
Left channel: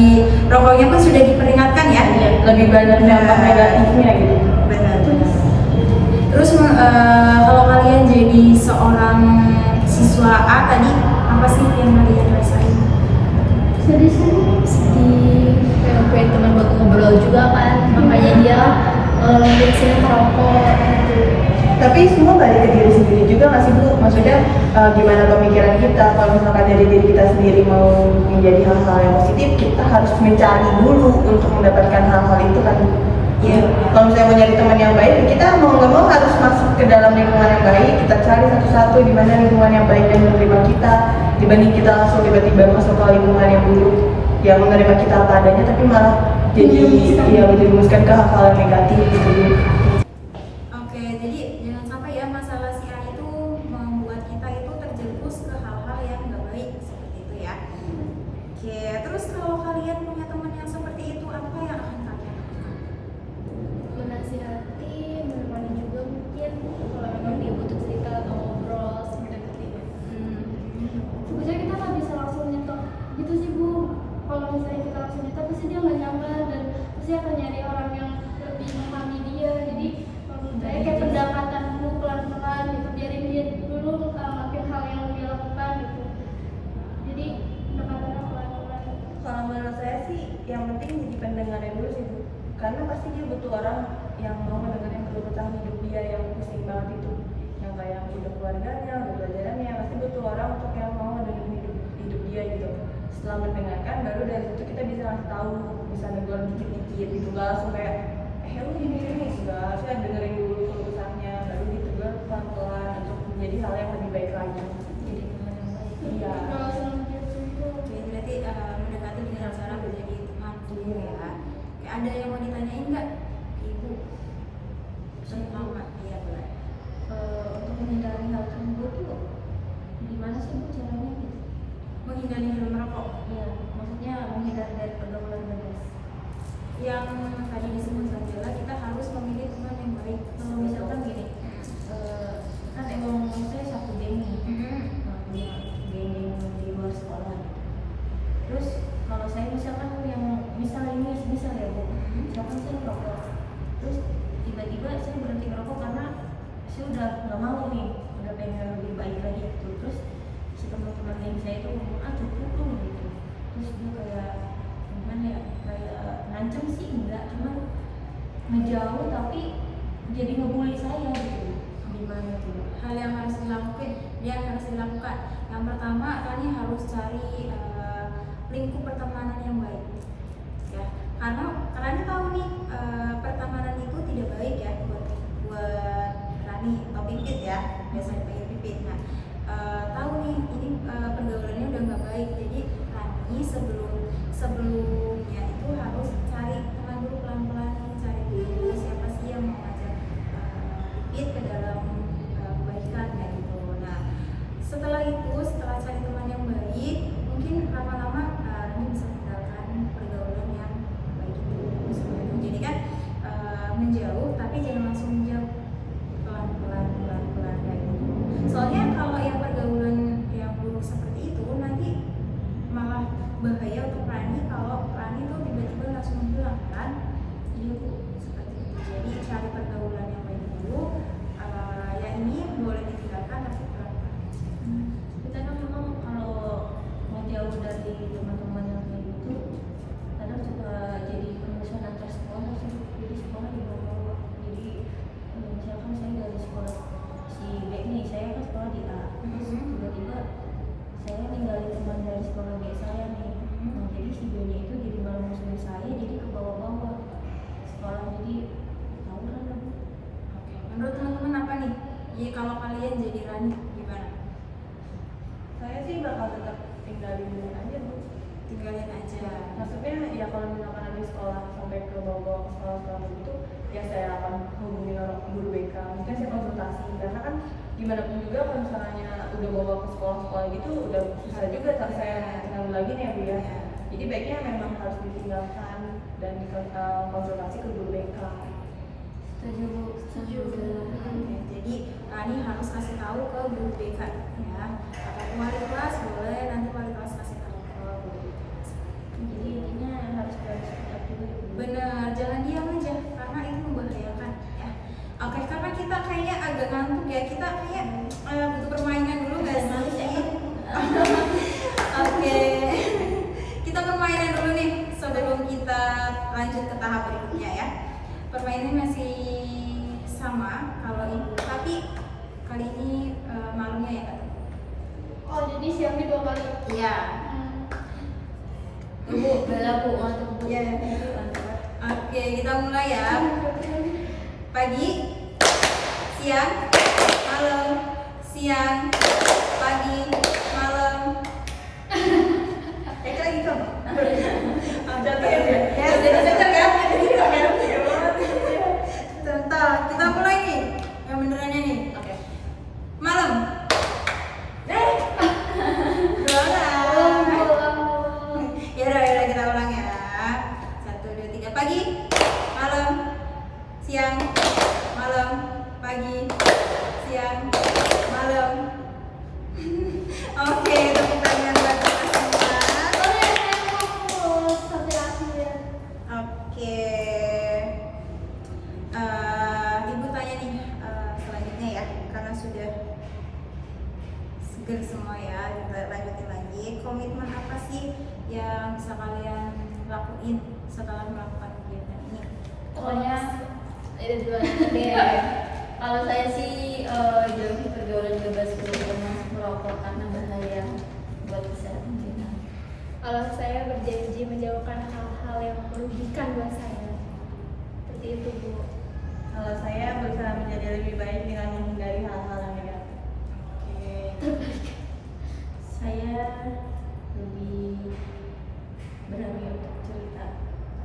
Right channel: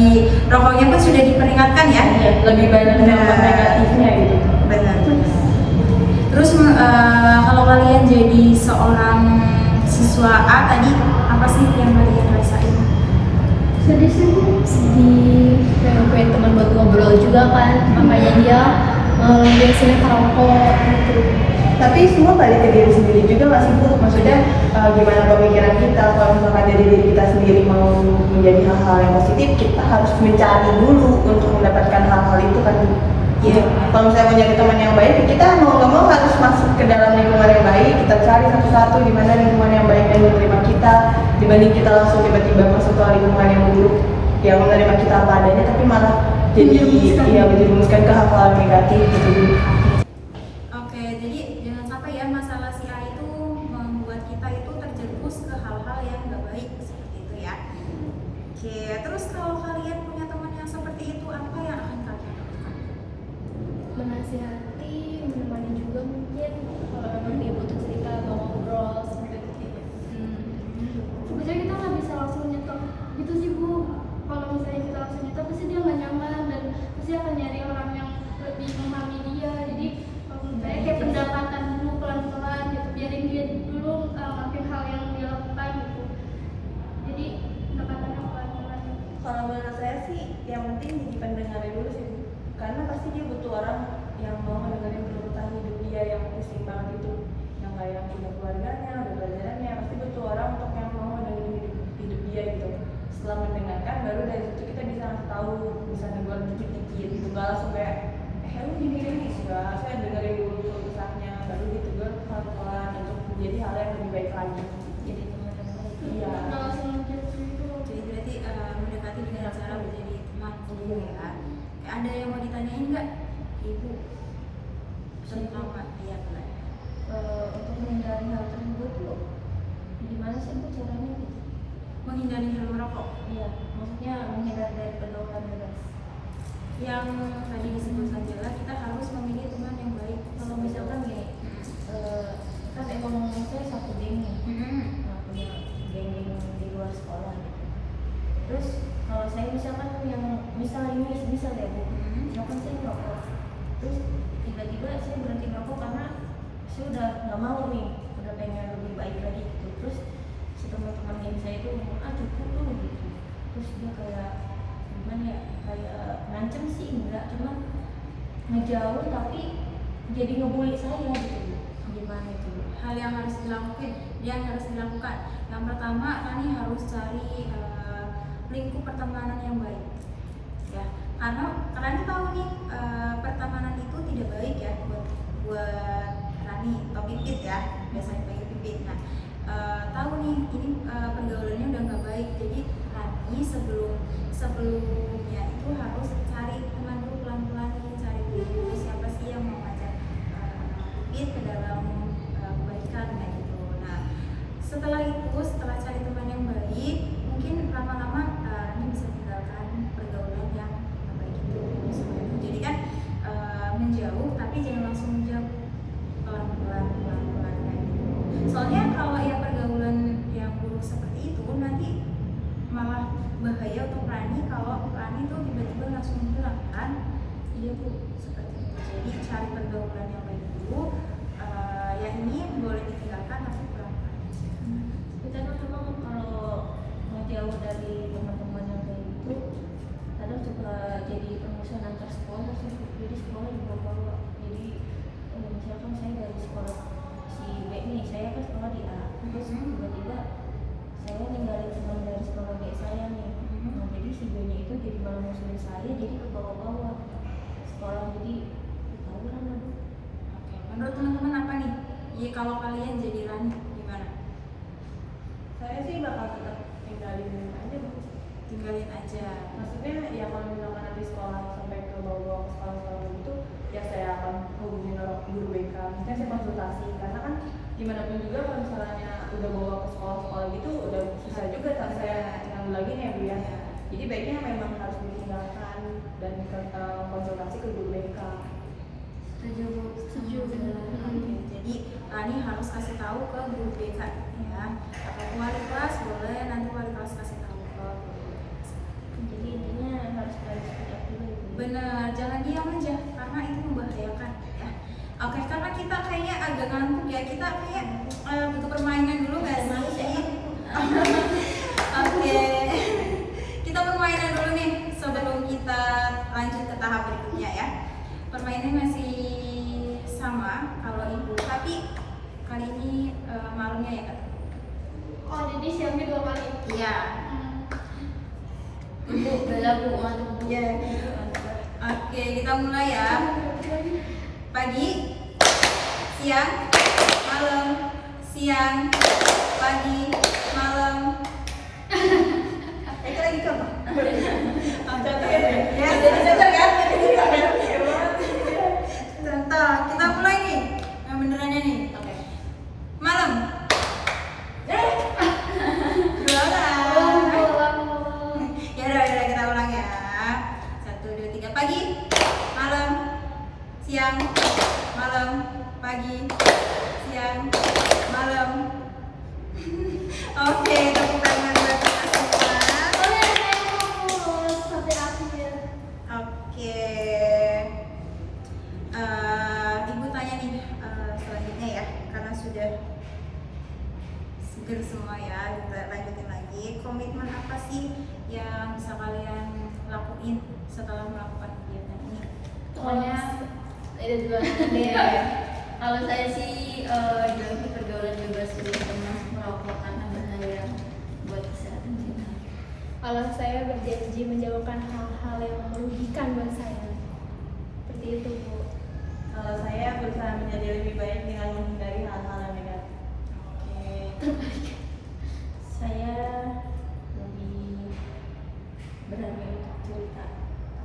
rokoknya pun sudah diperingatkan ya. Iya, lebih banyak dampak negatifnya gitu. Benar. Terus kalau kalian jadi seorang siswa A tadi, apa sih yang kalian rasain? Sedih, kayak gue teman buat ngobrol juga kan, makanya dia biasanya kerokok gitu. Tapi semua balik ke diri sendiri juga nggak sih Bu? Maksudnya gimana pemikiran kita, kalau misalkan dari diri kita sendiri mau menjadi hal-hal yang positif, kita harus mencari dulu untuk mendapatkan hal-hal itu kan. Iya. Kalau saya mau nyari teman yang baik, kita mau nggak mau harus masuk ke dalam lingkungan yang baik. Kita cari satu-satu di mana lingkungan yang baik dan menerima kita, dibanding kita langsung tiba-tiba masuk ke lingkungan yang buruk yang menerima kita apa adanya, tapi malah jadi menjerumuskan ke hal-hal yang negatif gitu. Oke, jadi jangan sampai ya masalah si A itu membuat kita itu terjerumus ke hal-hal yang nggak baik seperti itu ya. Oke, terus kalau kalian punya teman yang seperti itu, apa yang akan kalian lakukan? Menasihati, menemani juga mungkin kalau memang dia butuh cerita atau pasti akan nyari orang yang lebih memahami dia. Jadi menurut saya kayak pendekatan dulu pelan-pelan gitu, biarin dia dulu ngelakuin hal yang dia lakukan gitu. Jadi pendekatannya pelan-pelan. Kalau menurut saya sih yang penting jadi pendengarnya dulu sih Bu. Karena pasti dia butuh orang yang mau mendengarin keluh kesah hidup dia yang pusing banget itu, yang kayak udah keluarganya, udah pelajarannya, pasti butuh orang untuk yang mau mendengarin hidup dia gitu. Setelah mendengarkan baru dari situ kita bisa ngasih tahu, bisa negor dikit-dikit gitu, nggak langsung kayak lu gini sudah, harusnya dengerin dulu keluh kesahnya baru ditegur pelan-pelan untuk menjadi hal yang lebih baik lagi. Jadi teman yang baik. Iya. Kalau sebelum gitu Jadi berarti mendekati dengan cara menjadi teman dulu ya. Kayak ada yang mau ditanyain nggak, Ibu? Terutama ya boleh. Untuk menghindari hal tersebut tuh gimana sih Bu caranya gitu? Menghindari hal merokok. Iya, maksudnya menghindari dari pergaulan bebas. Yang tadi disebutkan Bella, kita harus memilih teman yang baik. Kalau misalkan gini, kan emang saya satu geng nih, punya geng-geng di luar sekolah. Terus kalau saya misalkan yang misal ya Bu, misalkan saya ngerokok, terus tiba-tiba saya berhenti ngerokok karena saya udah nggak mau nih, udah pengen lebih baik lagi gitu. Terus si teman-teman geng saya itu ngomong cukup tuh gitu. Terus dia kayak gimana ya, kayak ngancem sih enggak, cuman ngejauh tapi jadi ngebully saya gitu. Gimana tuh? Hal yang harus dilakukan. Yang pertama, Rani harus cari lingkup pertemanan yang baik. Ya, karena Rani tahu nih pertemanan itu tidak baik ya buat Rani atau Pipit ya, biasanya panggil Pipit. Nah, tahu nih ini pergaulannya udah nggak baik. Jadi Rani sebelumnya itu harus cari teman dulu pelan-pelan, cari dulu siapa sih yang mau ngajak Pipit ke dalam kebaikan kayak gitu. Nah, setelah cari teman yang baik, mungkin lama-lama Rani bisa tinggalkan pergaulan yang baik itu. Seperti itu. Jadi kan menjauh, tapi jangan langsung menjauh, pelan-pelan kayak gitu. Soalnya kalau yang pergaulan yang buruk seperti itu nanti malah bahaya untuk Rani kalau Rani tuh tiba-tiba langsung menghilang kan. Iya Bu, seperti itu. Jadi cari pergaulan yang baik dulu. Yang ini boleh ditinggalkan tapi pelan-pelan. Kita kan memang kalau ngejauh dari teman-teman yang kayak gitu, kadang suka jadi permusuhan antar sekolah sih. Jadi sekolah dibawa-bawa. Jadi misalkan saya dari sekolah si B nih, saya kan sekolah di A, terus tiba-tiba saya ninggalin teman dari sekolah B saya nih. Nah jadi si B nya itu jadi malah musuhin saya, jadi ke bawah-bawah sekolah, jadi tawuran lah Bu. Oke, menurut teman-teman apa nih? Ya kalau kalian jadi Rani gimana? Saya sih bakal tetap tinggalin aja Bu. Tinggalin aja. Maksudnya ya kalau misalkan nanti sekolah sampai ke bawah ke sekolah gitu, ya saya akan hubungin orang guru BK. Mungkin saya konsultasi karena kan gimana pun juga kalau misalnya udah bawa ke sekolah gitu udah susah juga tak saya ngambil lagi nih ya Bu ya. Jadi baiknya memang harus ditinggalkan dan konsultasi ke guru BK. Setuju Bu, setuju. Oke, jadi Rani harus kasih tahu ke guru BK ya. Atau wali kelas boleh, nanti wali kelas kasih tahu ke guru BK. Jadi intinya harus dari sikap juga gitu. Bener, jangan diam aja karena itu membahayakan ya. Oke, karena kita kayaknya agak ngantuk ya, kita kayak butuh permainan dulu nggak sih? Oke, kita permainan dulu nih sebelum kita lanjut ke tahap berikutnya ya. Permainan masih sama kalau ibu, tapi kali ini malunya ya kata. oh jadi siangnya 2 kali. Iya. Bu, bela Bu, mantap Bu. Iya. Oke, kita mulai ya. Pagi, siang, malam, siang, pagi, malam. Kayak lagi coba. Contoh ya. Ya, contoh kan? Contoh, kita mulai nih. Yang benerannya nih. Oke. Malam. Ulang. Ya udah kita ulang ya. 1, 2, 3. Pagi, malam, siang, malam, pagi, siang, malam. Oke, tepuk tangan buat kita semua. Boleh saya fokus sampai akhir. Oke. dengar semua ya. Kita lanjutin lagi. Komitmen apa sih yang bisa kalian lakuin setelah melakukan kegiatan ini? Pokoknya ada dua kalau saya sih jauhi pergaulan bebas terutama merokok karena bahaya buat kesehatan kita. Kalau saya berjanji menjauhkan hal-hal yang merugikan buat saya. Seperti itu, Bu. Kalau saya berusaha menjadi lebih baik dengan menghindari hal-hal yang negatif. Oke. Saya lebih berani untuk cerita,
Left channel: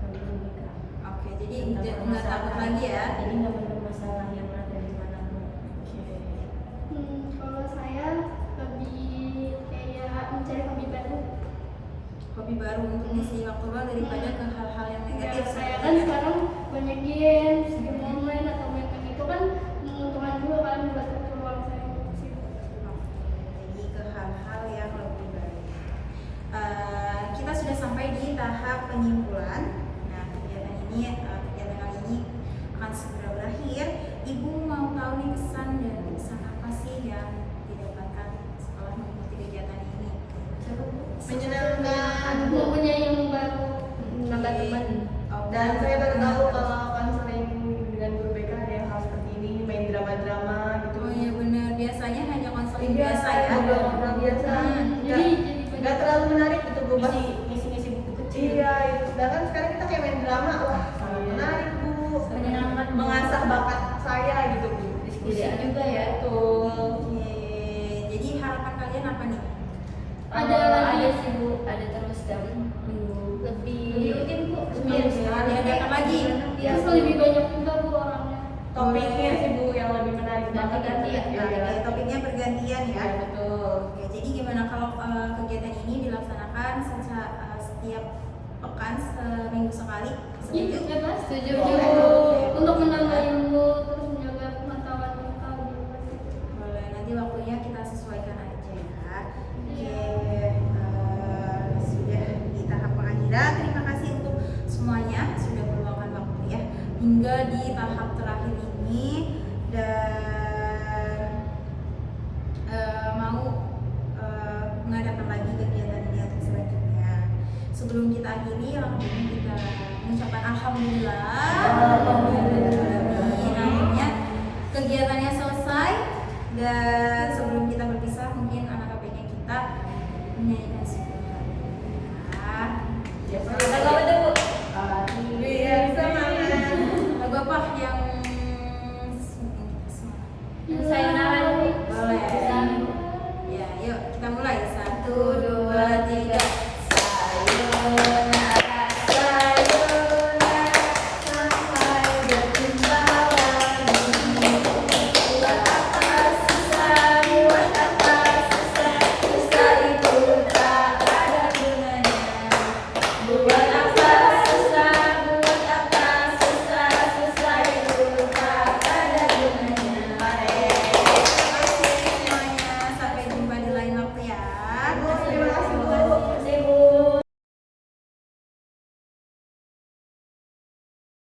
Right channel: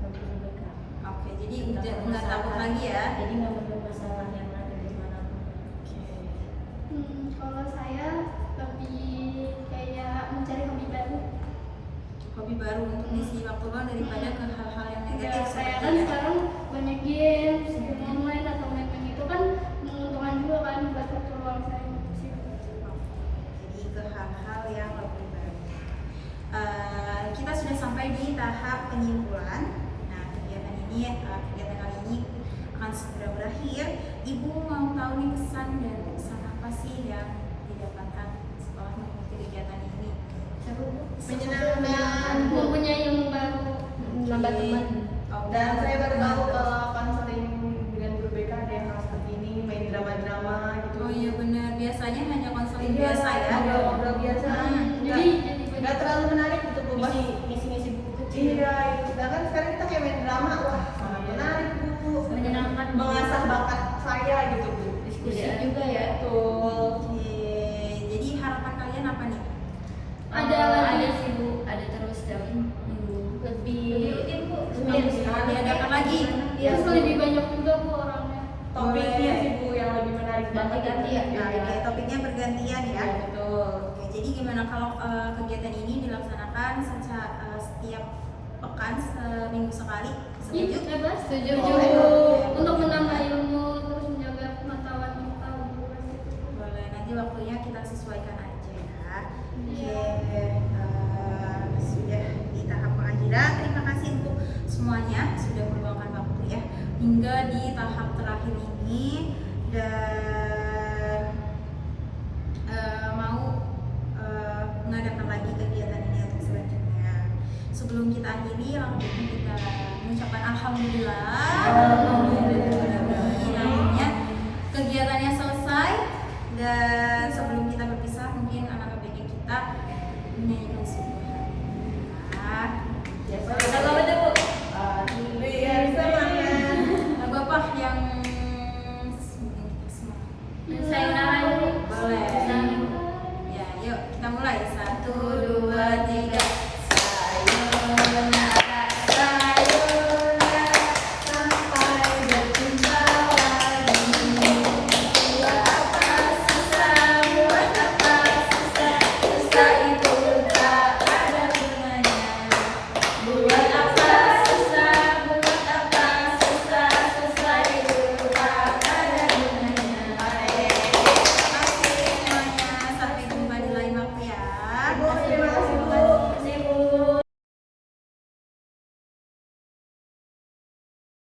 lebih terbuka. Oke, jadi Tentang nggak takut lagi ya? Jadi nggak ada masalah yang ada di manapun. Kalau saya lebih kayak mencari hobi baru. Hobi baru untuk ngisi waktu luang daripada ke hal-hal yang Ya, negatif. saya seperti kan ya. sekarang banyak games, game online atau main kayak gitu kan menguntungkan juga kan buat waktu luang saya gitu sih. Jadi ke hal-hal yang lebih baik. Kita sudah sampai di tahap penyimpulan. Nah, kegiatan kali ini akan segera berakhir. Ibu mau tahu nih pesan apa sih yang didapatkan setelah mengikuti kegiatan ini? Menyenangkan. Mempunyai ilmu baru. Nambah teman. Oh, Dan saya baru tahu teman. kalau konseling dengan guru BK ada yang hal seperti ini, main drama-drama gitu. Oh iya benar, biasanya hanya konseling Iya, biasa ya. ngobrol-ngobrol biasa. Jadi Nggak terlalu menarik gitu Bu. Pas Ngisi-ngisi buku kecil. Iya, itu. Sedangkan sekarang kita kayak main drama, wah sangat menarik Bu. Menyenangkan, Bu. Mengasah bakat saya gitu Bu. Diskusi juga ya. Betul. Oke, jadi harapan kalian apa nih? Ada sih Bu, ada terus dan minggu lebih rutin Bu. Diadakan lagi. ya lebih banyak juga Bu orangnya. Topiknya sih Bu yang lebih menarik banget. Ganti-ganti ya. Oke, topiknya bergantian ya. Ya, betul. Oke, jadi gimana kalau kegiatan ini dilaksanakan setiap pekan seminggu sekali? Setuju? Iya, Mas. Setuju. Boleh. Untuk menambah ilmu terus menjaga pengetahuan kita gitu. Boleh, nanti waktunya kita sesuaikan aja ya. Oke, sudah di tahap pengadilan. Terima kasih untuk semuanya sudah meluangkan waktu ya hingga di tahap terakhir ini dan mau mengadakan lagi kegiatan ini untuk selanjutnya. Sebelum kita akhiri, langsung kita mengucapkan alhamdulillah. Akhirnya kegiatannya selesai dan sebelum kita berpisah mungkin anak ABG kita menyanyikan sebuah lagu.